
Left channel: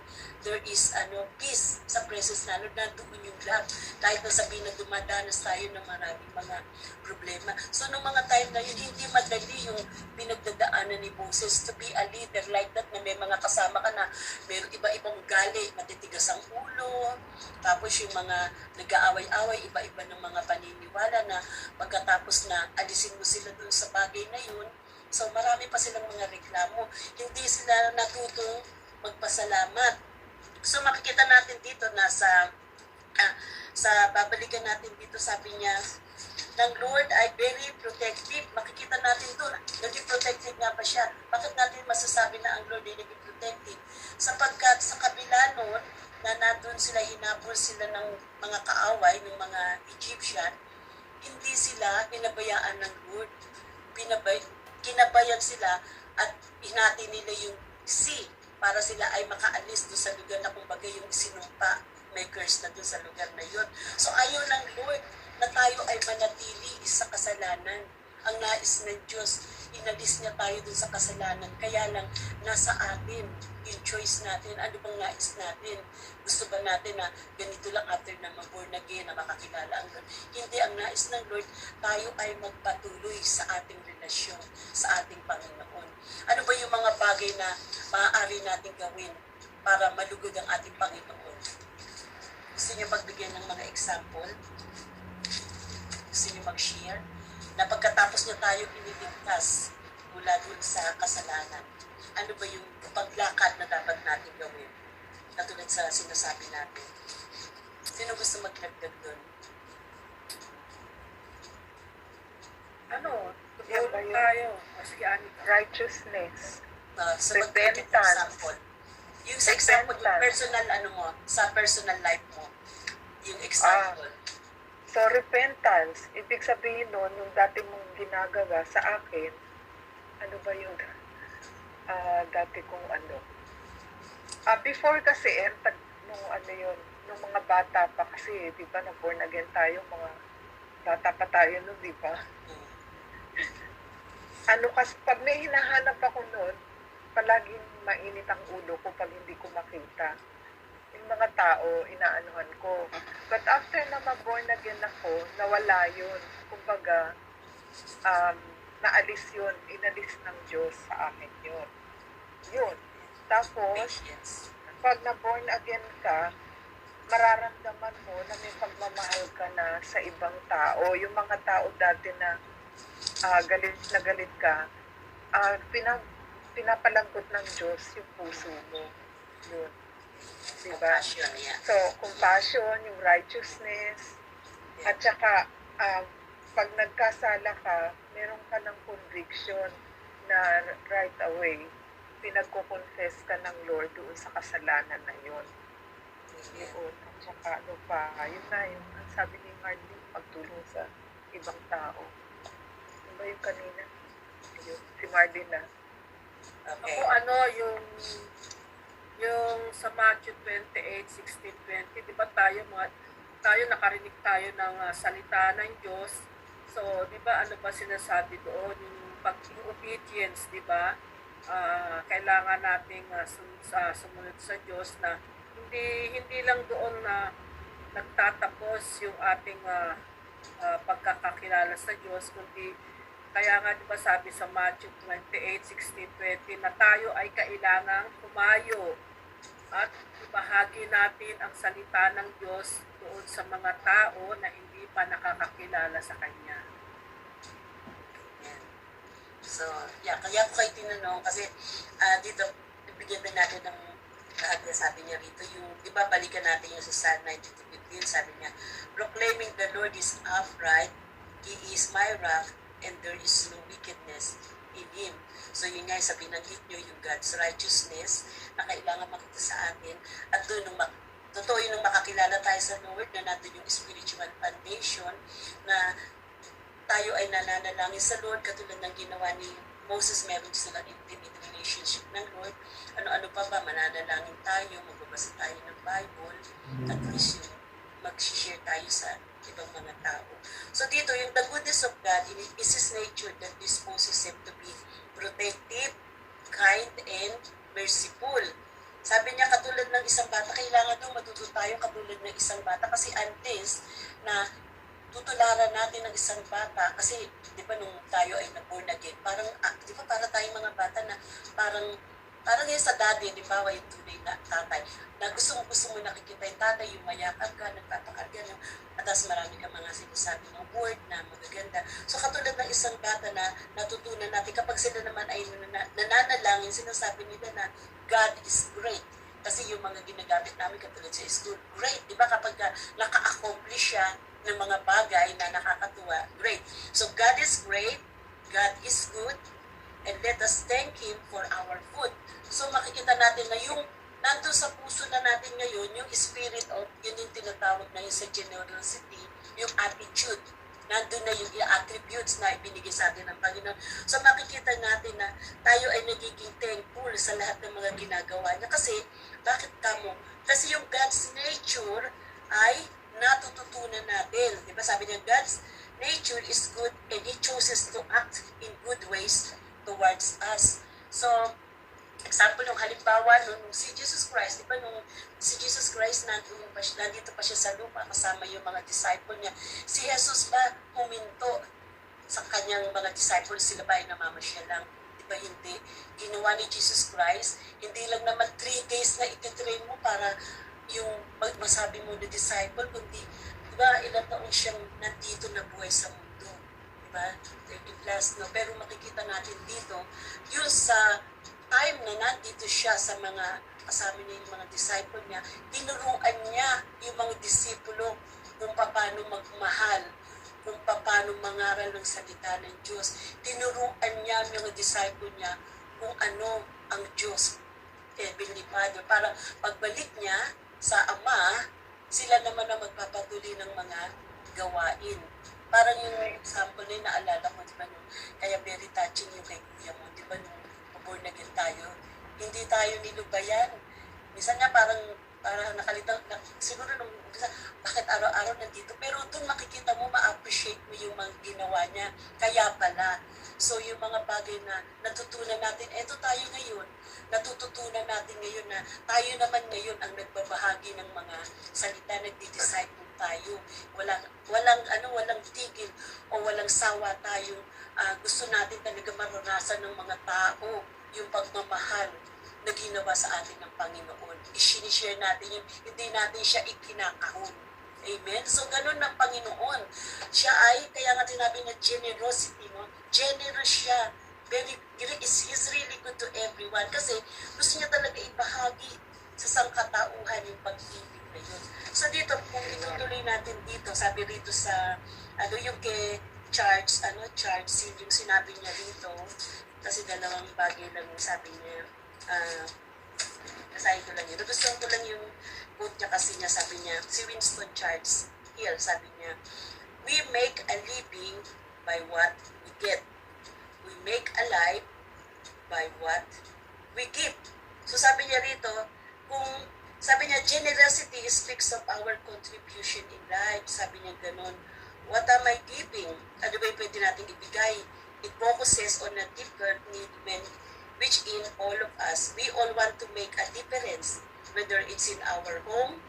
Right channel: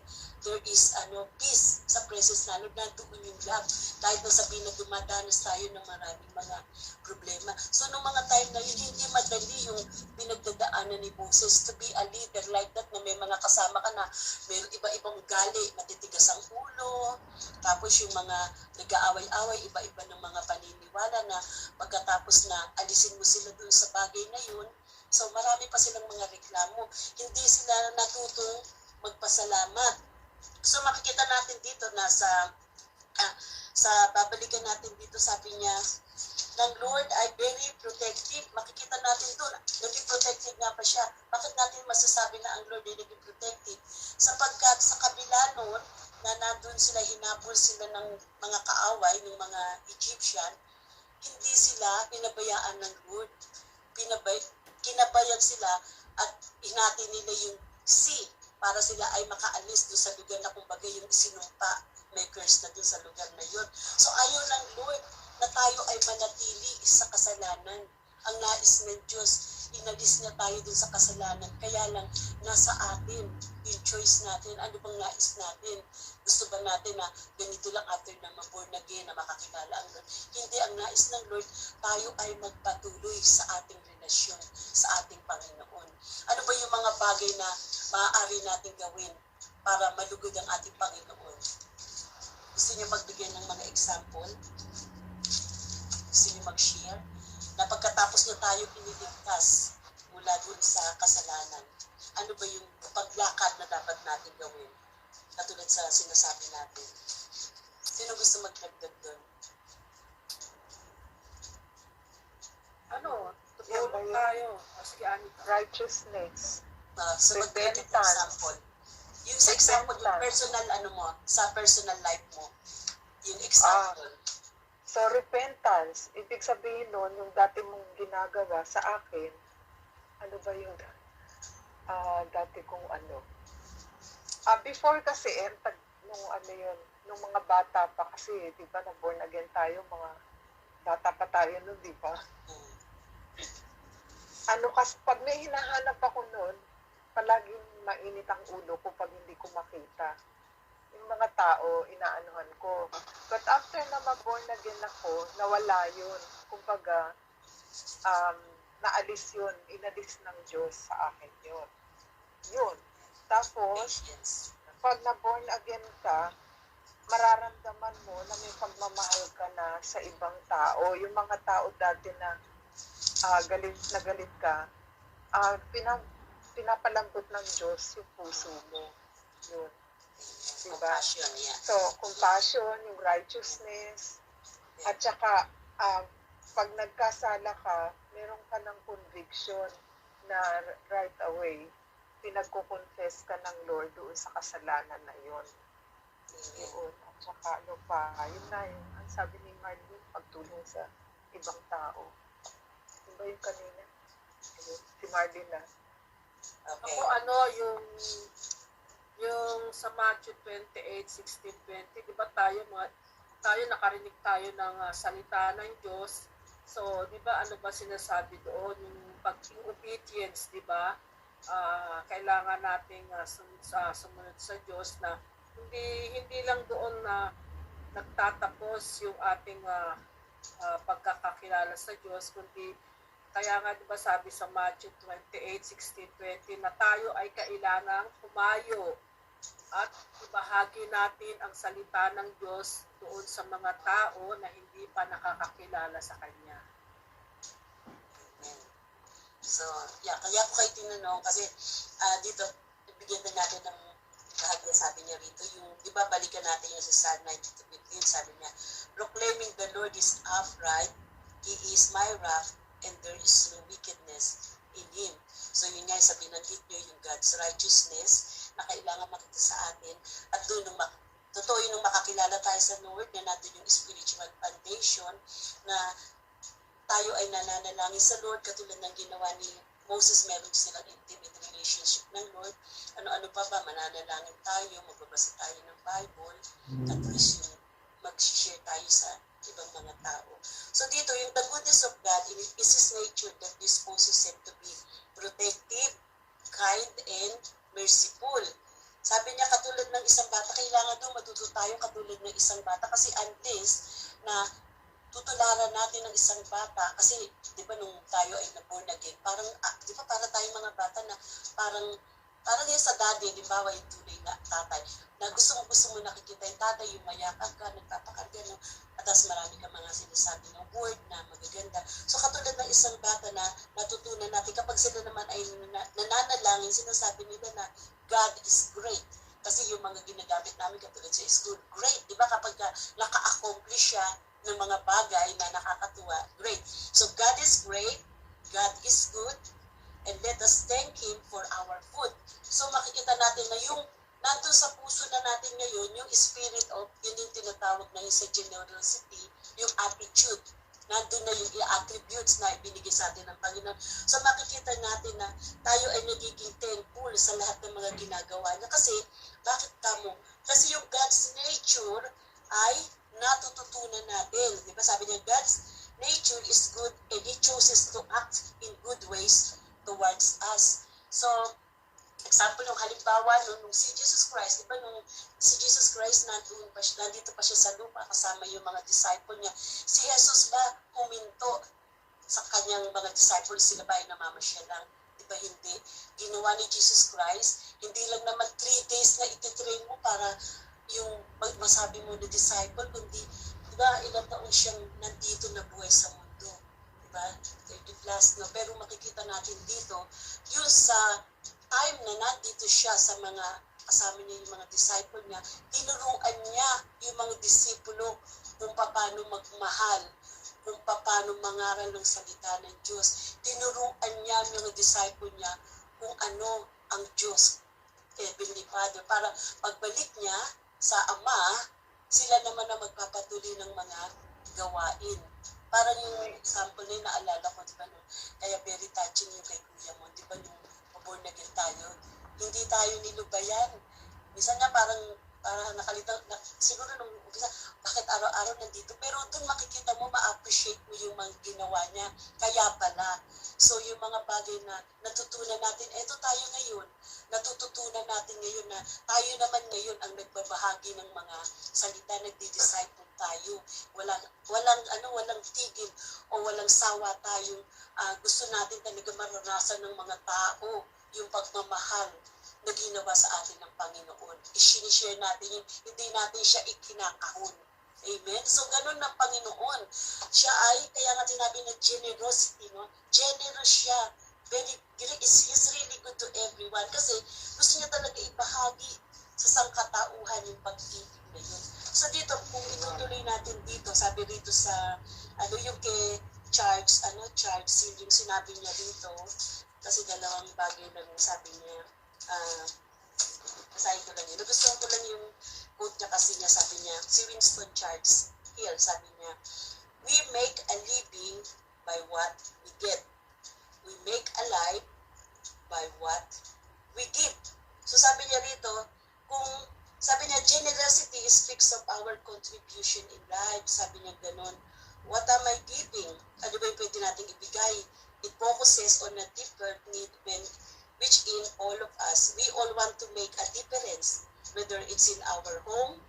there is peace sa presence na Lord, nandoon yung lahat. Kahit na sabihin na dumadanas tayo ng maraming mga problema. So, nung mga time na yun, hindi madali yung pinagdadaanan ni Moses to be a leader like that, na may mga kasama ka na mayroong iba-ibang ugali, matitigas ang ulo, tapos yung mga nag-aaway-away, iba-iba ng mga paniniwala na pagkatapos na alisin mo sila dun sa bagay na yun, so marami pa silang mga reklamo. Hindi sila natutong magpasalamat. So makikita natin dito na sa babalikan natin dito, sabi niya, ng Lord ay very protective. Makikita natin doon, naging protective nga pa siya. Bakit natin masasabi na ang Lord ay naging protective? Sapagkat sa kabila noon, na nandun sila, hinabol sila ng mga kaaway, ng mga Egyptian, hindi sila pinabayaan ng Lord. Kinabayan sila at hinati nila yung sea para sila ay makaalis doon sa lugar na kumbaga yung sinumpa, may curse na doon sa lugar na yun. So ayaw ng Lord na tayo ay manatili sa kasalanan. Ang nais ng Diyos, inalis niya tayo dun sa kasalanan. Kaya lang, nasa atin yung choice natin. Ano bang nais natin? Gusto ba natin na ganito lang after na mag-born again, na makakilala ang Lord? Hindi, ang nais ng Lord, tayo ay magpatuloy sa ating relasyon, sa ating Panginoon. Ano ba yung mga bagay na maaari natin gawin para malugod ang ating Panginoon? Gusto niyo magbigay ng mga example? Gusto niyo mag-share? Na pagkatapos niya tayo piniligtas mula dun sa kasalanan, ano ba yung paglakad na dapat natin gawin? Katulad sa sinasabi natin. Sino gusto magdagdag dun? Tulong tayo. Sige, Anika. Righteousness. Sa Repentance. example. Yung sa example, yung personal sa personal life mo. Yung example. So, repentance, ibig sabihin nun, yung dati mong ginagawa sa akin, ano ba yung dati kong before kasi, nung nung mga bata pa kasi, di ba, na-born again tayo, mga bata pa tayo nun, di ba? Kasi, pag may hinahanap ako nun, palaging mainit ang ulo ko pag hindi ko makita. Yung mga tao, inaanuhan ko. But after na mag-born again ako, nawala yun. Kumbaga, naalis yun. Inalis ng Diyos sa akin yun. Yun. Tapos, pag na-born again ka, mararamdaman mo na may pagmamahal ka na sa ibang tao. Yung mga tao dati na galit ka, pinapalambot ng Diyos yung puso mo. Yun. Diba? Compassion, yeah. So, compassion, yung righteousness, at saka, pag nagkasala ka, meron ka ng conviction na right away, pinagko-confess ka ng Lord doon sa kasalanan na yun. Yun. At saka, yun na yun. Ang sabi ni Marlene, pagtulong sa ibang tao. Ano ba yung kanina? Yun, si Marlene na. Okay. Ako, yung sa Matthew 28:16-20, di ba tayo nakarinig tayo ng salita ng Diyos. So, di ba ano ba sinasabi doon? Yung obedience, di ba? Kailangan nating sumunod sa Diyos na hindi lang doon na nagtatapos yung ating pagkakakilala sa Diyos, kundi kaya nga di ba sabi sa Matthew 28:16-20 na tayo ay kailangang humayo at ibahagi natin ang salita ng Diyos doon sa mga tao na hindi pa nakakakilala sa Kanya. Yan. So, kaya ko kayo tinanong kasi dito bibigyan din natin ng lahat niya, sabi niya rito, yung, di ba, balikan natin yung sa Psalm 92:15, sabi niya, proclaiming the Lord is upright, He is my rock, and there is no wickedness in Him. So yun nga, sa binanggit nyo, yung God's righteousness na kailangan makita sa atin, at doon nung totoo yun nung makakilala tayo sa Lord, na natin yung spiritual foundation, na tayo ay nananalangin sa Lord, katulad ng ginawa ni Moses, meron silang intimate relationship ng Lord. Ano-ano pa ba, mananalangin tayo, magbabasa tayo ng Bible, at least yung mag-share tayo sa ibang mga tao. So dito, yung the goodness of God is His nature that disposes Him to be protective, kind, and merciful. Sabi niya, katulad ng isang bata, kailangan doon matuto tayo katulad ng isang bata, kasi unless na tutularan natin ng isang bata, kasi di ba nung tayo ay na-born again, parang, di ba para tayong mga bata na parang yung sa daddy, di ba, yung tunay na tatay, na gusto mo nakikita yung tatay, yung mayakap ka, nagpapakarga, no? At tapos marami ka mga sinasabi ng word na magaganda. So katulad ng isang bata na natutunan natin, kapag sila naman ay nananalangin, sinasabi nila na God is great. Kasi yung mga ginagamit namin katulad sa school, great. Di ba kapag naka-accomplish siya ng mga bagay na nakakatuwa, great. So God is great, God is good, and let us thank Him for our food. So makikita natin na yung nandun sa puso na natin ngayon, yung spirit of, yun yung tinatawag na yung sa generosity, yung attitude. Nandun na yung attributes na ibinigay sa atin ng Panginoon. So makikita natin na tayo ay nagiging thankful sa lahat ng mga ginagawa niya. Kasi, bakit kamo? Kasi yung God's nature ay natututunan natin. Diba sabi niya, God's nature is good and He chooses to act in good ways towards us. So, example, yung halimbawa, nung si Jesus Christ, di ba nung si Jesus Christ nandito pa siya sa lupa kasama yung mga disciple niya, si Jesus ba huminto sa kanyang mga disciples, sila ba ay namamasyal lang? Di ba hindi? Ginawa ni Jesus Christ, hindi lang naman 3 days na ititrain mo para yung masabi mo na disciple, kundi, di ba, ilang taon siyang nandito na buhay sa mundo? Di ba? 30 plus, no? Pero makikita natin dito, yung sa time na nandito siya sa mga kasama niya yung mga disciple niya, tinuruan niya yung mga disipulo kung paano magmahal, kung paano mangaral ng salita ng Diyos. Tinuruan niya yung mga disciple niya kung ano ang Diyos, Heavenly Father, para pagbalik niya sa Ama, sila naman ang magpapatuloy ng mga gawain. Parang yung example na yung naalala ko, diba, nung, kaya very touching yung kay Kuya mo, diba, nung born again tayo, hindi tayo nilubayan. Minsan nga parang nakalitaw, siguro nung umpisa, bakit araw-araw nandito? Pero doon makikita mo, ma-appreciate mo yung mga ginawa niya. Kaya pala. So yung mga bagay na natutunan natin, eto tayo ngayon, natututunan natin ngayon na tayo naman ngayon ang nagbabahagi ng mga salita, nagdi-disciple tayo. Walang tigil o walang sawa tayong gusto natin talaga maranasan ng mga tao yung pagmamahal na ginawa sa atin ng Panginoon. I-share natin yun, hindi natin siya ikinakahon. Amen? So, ganun ng Panginoon. Siya ay, kaya nga sinabi na generosity, no? Generous siya. He's really good to everyone. Kasi gusto niya talaga ibahagi sa sangkatauhan yung pag-ibig na yun. So, dito, kung itutuloy natin dito, sabi rito sa, yung kay Charles Sin, yung sinabi niya dito, kasi dalawang bagay lang yung sabi niya, nasahin ko lang yun. Nagustuhan ko lang yung quote niya kasi niya, sabi niya, si Winston Churchill, sabi niya, we make a living by what we get. We make a life by what we give. So sabi niya rito, sabi niya, generosity speaks of our contribution in life. Sabi niya ganun, what am I giving? Ano ba yung pwede natin ibigay? It focuses on a deeper need which in all of us, we all want to make a difference, whether it's in our home,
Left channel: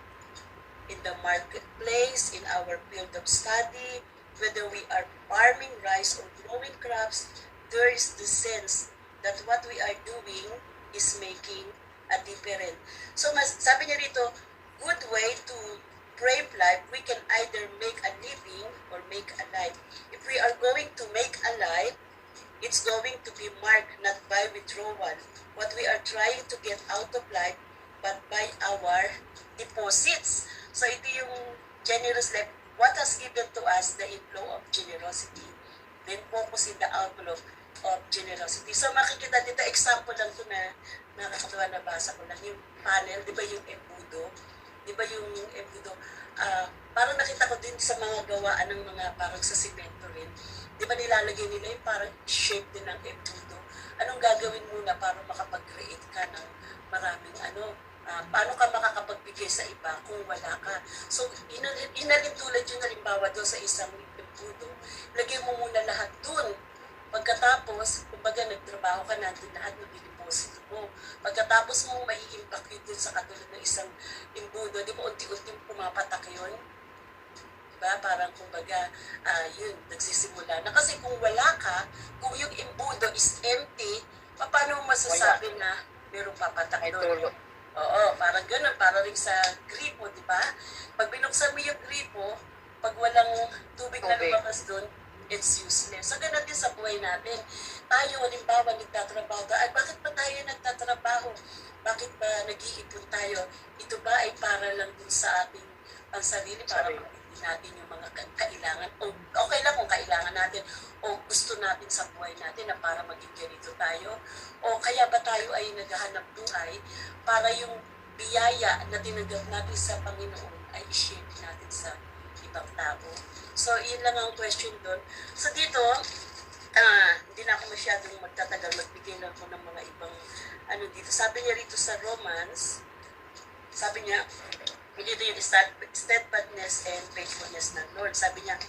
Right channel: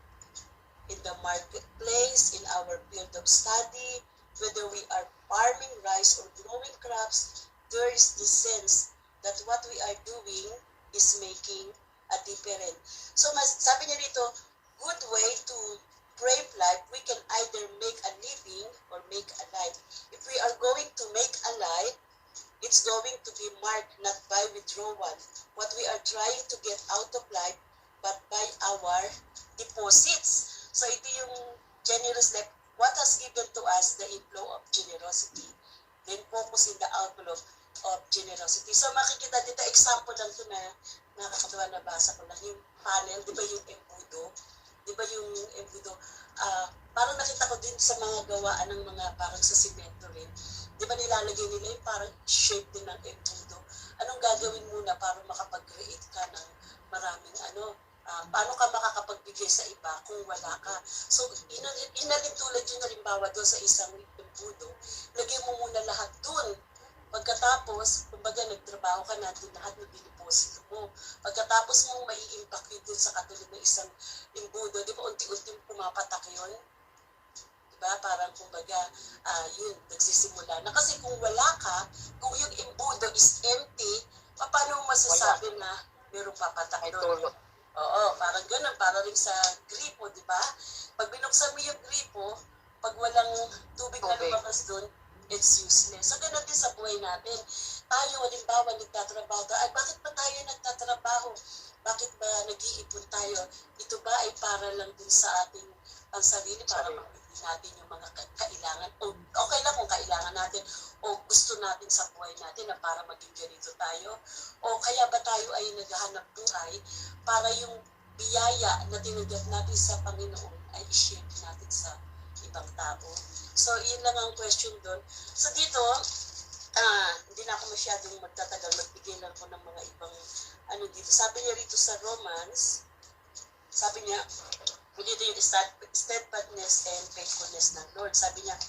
in the marketplace, in our field of study, whether we are farming rice or growing crops, there is the sense that what we are doing is making a difference. So sabi niya rito, good way to brave life, we can either make a living or make a life. If we are going to make a life, it's going to be marked not by withdrawal, what we are trying to get out of life, but verse 11, what has given to us the inflow of generosity, then focus in the outflow of generosity. So makikita dito, example lang ito na nakakatawa na basa ko lang, yung panel, di ba yung embudo? Di ba yung embudo? Parang nakita ko din sa mga gawaan ng mga parang sa simento rin. Di ba nilalagay nila yung parang shape din ng embudo? Anong gagawin muna para makapag-create ka ng maraming paano ka makakapagbigay sa iba kung wala ka? So, inalin tulad yung halimbawa doon sa isang embudo, lagay mo muna lahat doon. Pagkatapos, kumbaga nagtrabaho ka na, doon lahat ng biniposito mo. Pagkatapos mong mai-impact yun doon sa katulad ng isang embudo, di ba unti-unti pumapatak yun? Diba? Parang kumbaga, yun, nagsisimula na. Kasi kung wala ka, kung yung embudo is empty, paano mo masasabi na mayroong papatak doon? Oo, parang ganun, parang rin sa gripo, di ba? Pag binuksan mo yung gripo, pag walang tubig na lumakas doon, it's useless. So, ganun din sa buhay natin. Tayo, halimbawa, nagtatrabaho tayo. Ay, bakit ba tayo nagtatrabaho? Bakit ba nag-iipon tayo? Ito ba ay para lang din sa ating pansarili, para mabili natin yung mga kailangan? O okay lang kung kailangan natin o gusto natin sa buhay natin na para maging ganito tayo? O kaya ba tayo ay naghahanap buhay para yung biyaya na tinanggap natin sa Panginoon ay i-share natin sa ibang tao? So, yun lang ang question doon. So, dito, hindi na ako masyadong magtatagal, magbigay lang ko ng mga ibang dito. Sabi niya rito sa Romans, sabi niya, dito yung steadfastness and faithfulness ng Lord. Sabi niya,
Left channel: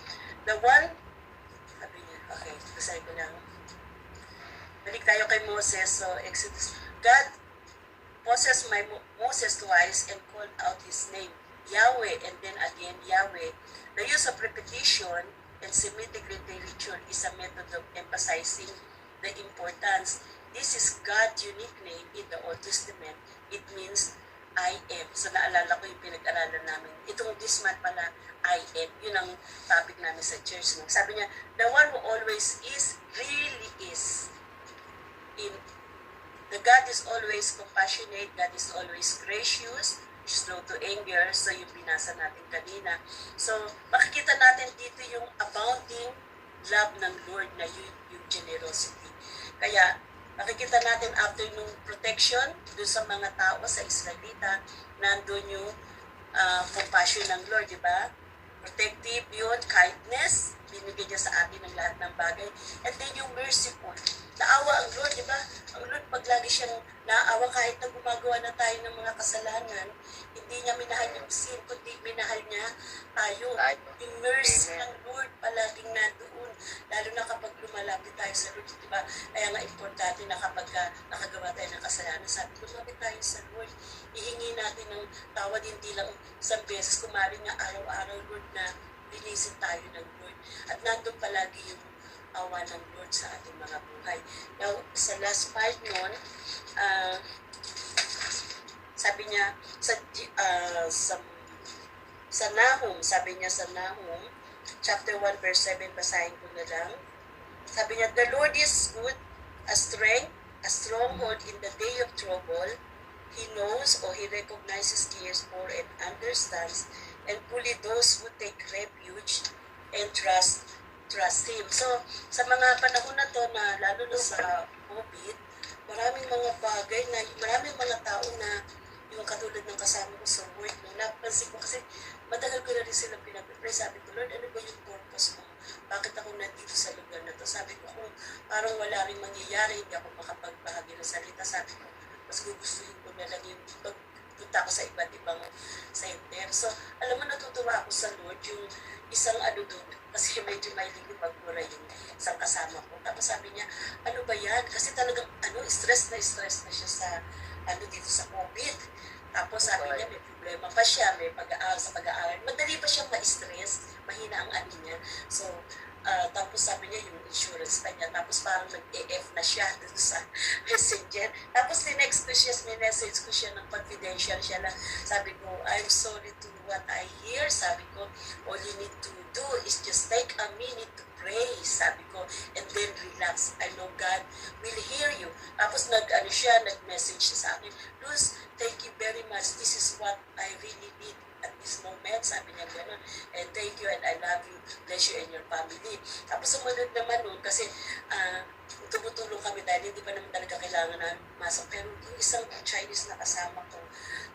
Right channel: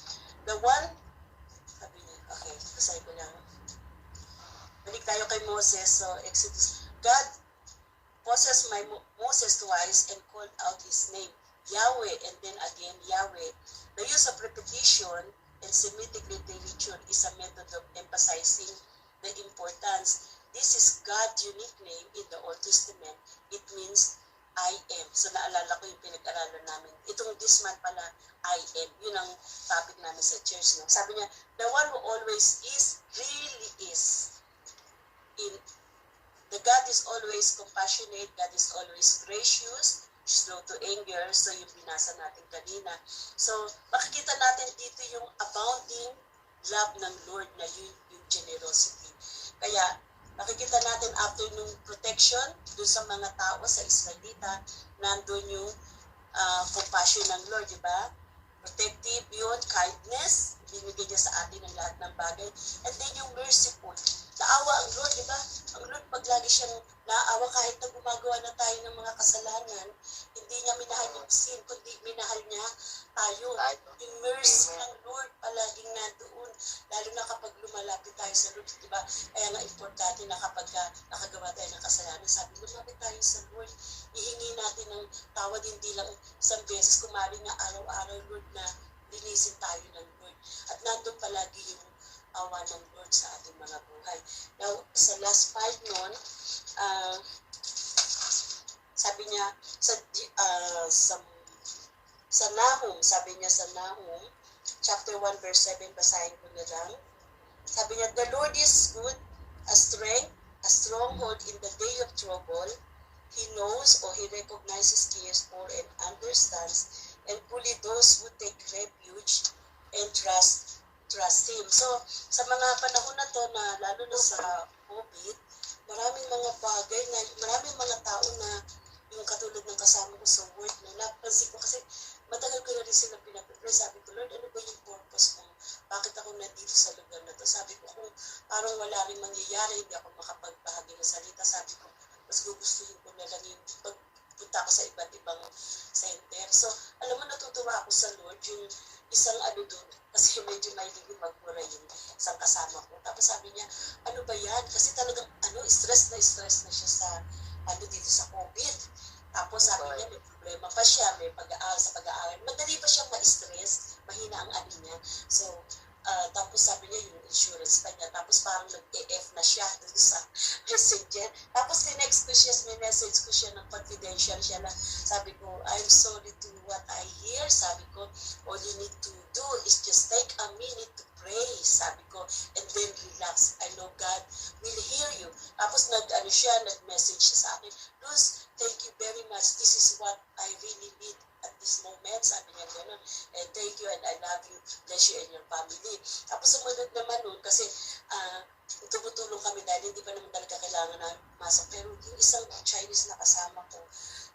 okay, basahin ko lang. Balik tayo kay Moses. So, Exodus, God possessed Moses twice and called out his name, Yahweh, and then again, Yahweh. The use of repetition and Semitic literature is a method of emphasizing the importance. This is God's unique name in the Old Testament. It means I am. So naalala ko yung pinag-aralan namin. Itong this month pala, I am. Yun ang topic namin sa church. Sabi niya, the one who always is, really is. The God is always compassionate. God is always gracious, slow to anger. So yung binasa natin kanina. So makikita natin dito yung abounding love ng Lord na yung generosity. Kaya makikita natin after nung protection dun sa mga tao sa Israelita, nandun yung compassion ng Lord, di ba? Protective yun, kindness, binigay niya sa atin ng lahat ng bagay. And then yung merciful, naawa ang Lord, di ba? Ang Lord, pag lagi siyang naawa kahit na gumagawa na tayo ng mga kasalanan, hindi niya minahal yung sin, kundi minahal niya tayo. Yung mercy ng Lord palaging nandoon, lalo na kapag lumalapit tayo sa Lord, di ba? Kaya nga importante na kapag nakagawa tayo ng kasalanan, sabi, lumapit tayo sa Lord, ihingi natin ng tawad, hindi lang isang beses, kumari nga araw-araw, Lord, na linisin tayo ng Lord. At nandun palagi yung awa ng Lord sa ating mga buhay. Now, sa last part nun, sabi niya, sa Nahum, sabi niya sa Nahum, chapter 1, verse 7, basahin ko na lang. Sabi niya, the Lord is good, a strength, a stronghold in the day of trouble. He knows or he recognizes, cares for, and understands, and fully those who take refuge and trust Him. So, sa mga panahon na to na lalo na sa COVID, maraming mga bagay na, maraming mga tao na yung katulad ng kasama ko sa work, no, napansin ko kasi matagal ko na rin silang pinapipray. Sabi ko, Lord, ano ba yung purpose mo? Bakit ako nandito sa lugar na to? Sabi ko, kung parang wala rin mangyayari, hindi ako makapagbahagi ng salita. Sabi ko, mas gugustuhin ko na lang yung pagpunta ko sa iba't ibang center. So, alam mo, natutuwa ako sa Lord, yung isang doon, kasi medyo may magbura yung isang kasama ko. Tapos sabi niya, ano ba yan? Kasi talagang, stress na siya sa, dito sa COVID. Tapos sabi niya, may problema pa siya, may pag-aaral sa pag-aaral. Madali pa siyang ma-stress, mahina ang niya. So, tapos sabi niya yung insurance pa niya. Tapos parang nag-EF na siya dun sa messenger. Tapos tinext ko siya, minessage ko siya ng confidential siya na sabi ko, I'm sorry to what I hear. Sabi ko, all you need to do is just take a minute to pray pray, sabi ko, and then relax. I know God will hear you. Tapos nag-message siya sa akin, Luz, thank you very much. This is what I really need at this moment. Sabi niya gano'n. And thank you and I love you. Bless you and your family. Tapos sumunod naman nun kasi tumutulong kami dahil hindi pa naman talaga kailangan na masok. Pero yung isang Chinese na kasama ko,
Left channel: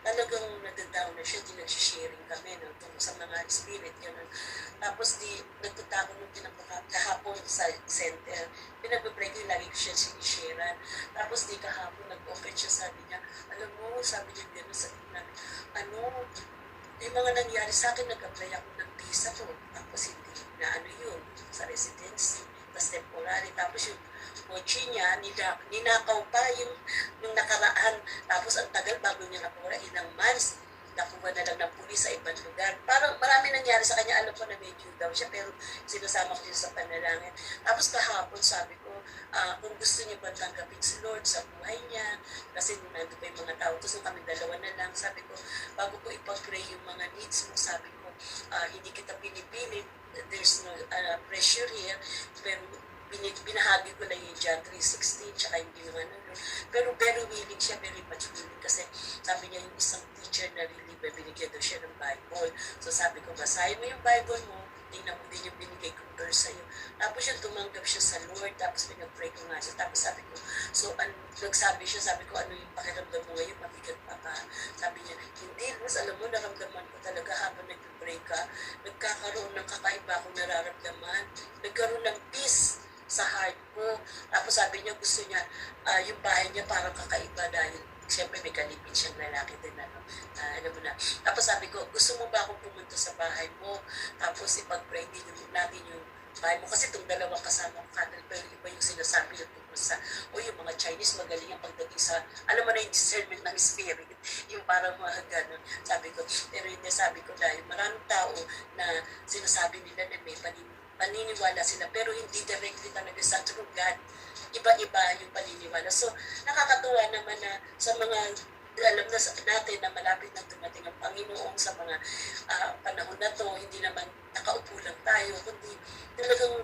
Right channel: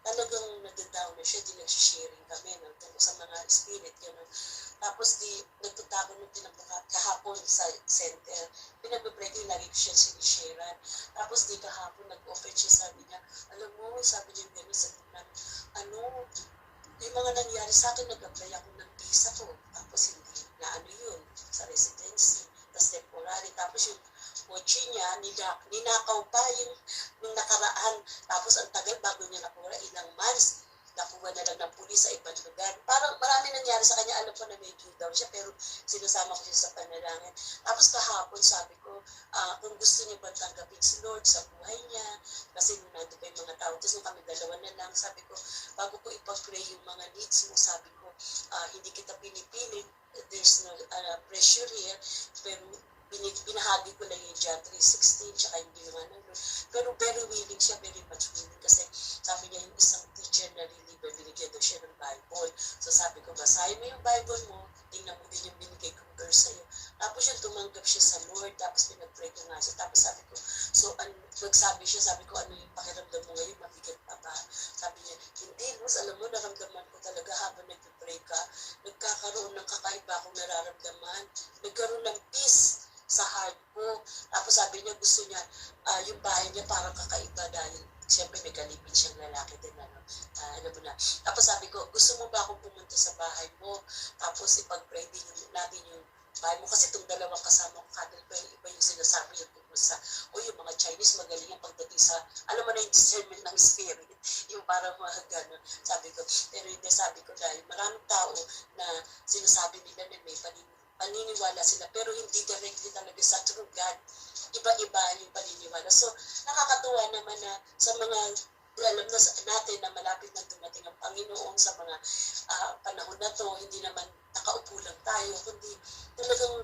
talagang nadadown na siya, di nag-sharing kami no, tungkol sa mga spirit, gano'n. Tapos nagpunta ako nung kahapon sa center, pinag-break din, lagi ko siya sinisharean. Tapos kahapon nag-open siya, sabi niya, alam mo, sabi niya gano'n, sabi namin, yung mga nangyari sa akin, nag-apply ako ng visa ko. Tapos hindi na yun, sa residency, tapos temporary. Tapos yung mochi niya, ninakaw pa yung nakaraan. Tapos ang tagal bago niya nakuha, ilang months, nakuha na lang ng pulis sa ibang lugar. Parang marami nangyari sa kanya, alam ko na may due daw siya, pero sinasama ko siya sa panalangin. Tapos kahapon sabi ko, kung gusto niya ba tanggapin si Lord sa buhay niya, kasi nandun pa yung mga tao, tapos nung kami dalawa na lang, sabi ko, bago ko ipag-pray yung mga needs mo, sabi ko, hindi kita pinipilit, there's no pressure here, pero binahagi ko lang yung John 3:16, tsaka yung ginawa ng Lord. Pero very willing siya, very much willing, kasi sabi niya yung isang teacher na really binigyan daw siya ng Bible. So sabi ko, basahin mo yung Bible mo, tingnan mo din yung binigay kong verse sa'yo. Tapos yung tumanggap siya sa Lord, tapos pinag-pray ko nga siya. Tapos sabi ko, nagsabi siya, sabi ko, ano yung pakiramdam mo ngayon, mabigat pa ba? Sabi niya, hindi, mas alam mo, naramdaman ko talaga habang nag-pray ka, nagkakaroon ng kakaiba akong nararamdaman, nagkaroon ng peace sa heart ko. Tapos sabi niya, gusto niya, yung bahay niya parang kakaiba dahil siyempre may kalipin siyang lalaki din, alam mo na. Tapos sabi ko, gusto mo ba akong pumunta sa bahay mo? Tapos ipag-pray din natin yung bahay mo. Kasi itong dalawang kasama ko, pero iba yung sinasabi yung tungkol sa, yung mga Chinese magaling yung pagdating sa, alam mo na yung discernment ng spirit, yung parang mga gano'n. Sabi ko, pero hindi, sabi ko dahil maraming tao na sinasabi nila na may paniniwala sila, pero hindi directly talaga sa true God. Iba-iba yung paniniwala. So, nakakatuwa naman na sa mga alam na natin na malapit na dumating ang Panginoon sa mga panahon na to, hindi naman nakaupo lang tayo, kundi talagang,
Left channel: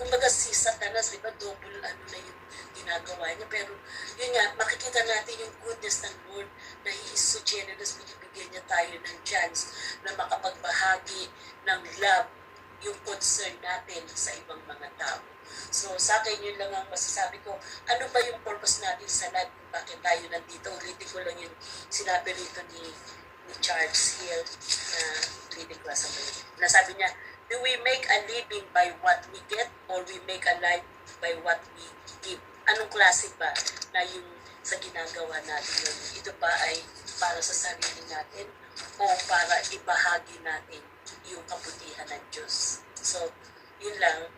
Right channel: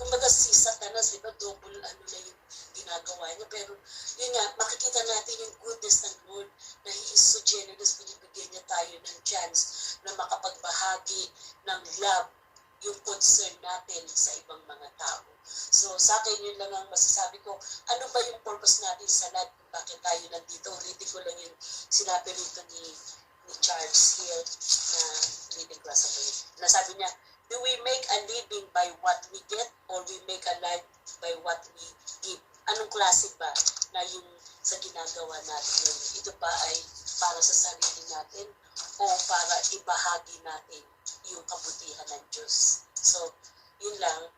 kumbaga si Satanas, di ba, double na yung ginagawa niya. Pero yun nga, makikita natin yung goodness ng Lord na He is so generous, binibigyan niya tayo ng chance na makapagbahagi ng love, yung concern natin sa ibang mga tao. So sa akin yun lang ang masasabi ko, ano ba yung purpose natin sa life, kung bakit tayo nandito. Ulitin ko lang yung sinabi rito ni Charles Hill na reading class na sabi niya, do we make a living by what we get or we make a life by what we give? Anong klase ba na yung sa ginagawa natin yun? Ito ba ay para sa sarili natin o para ibahagi natin yung kabutihan ng Diyos? So, yun lang.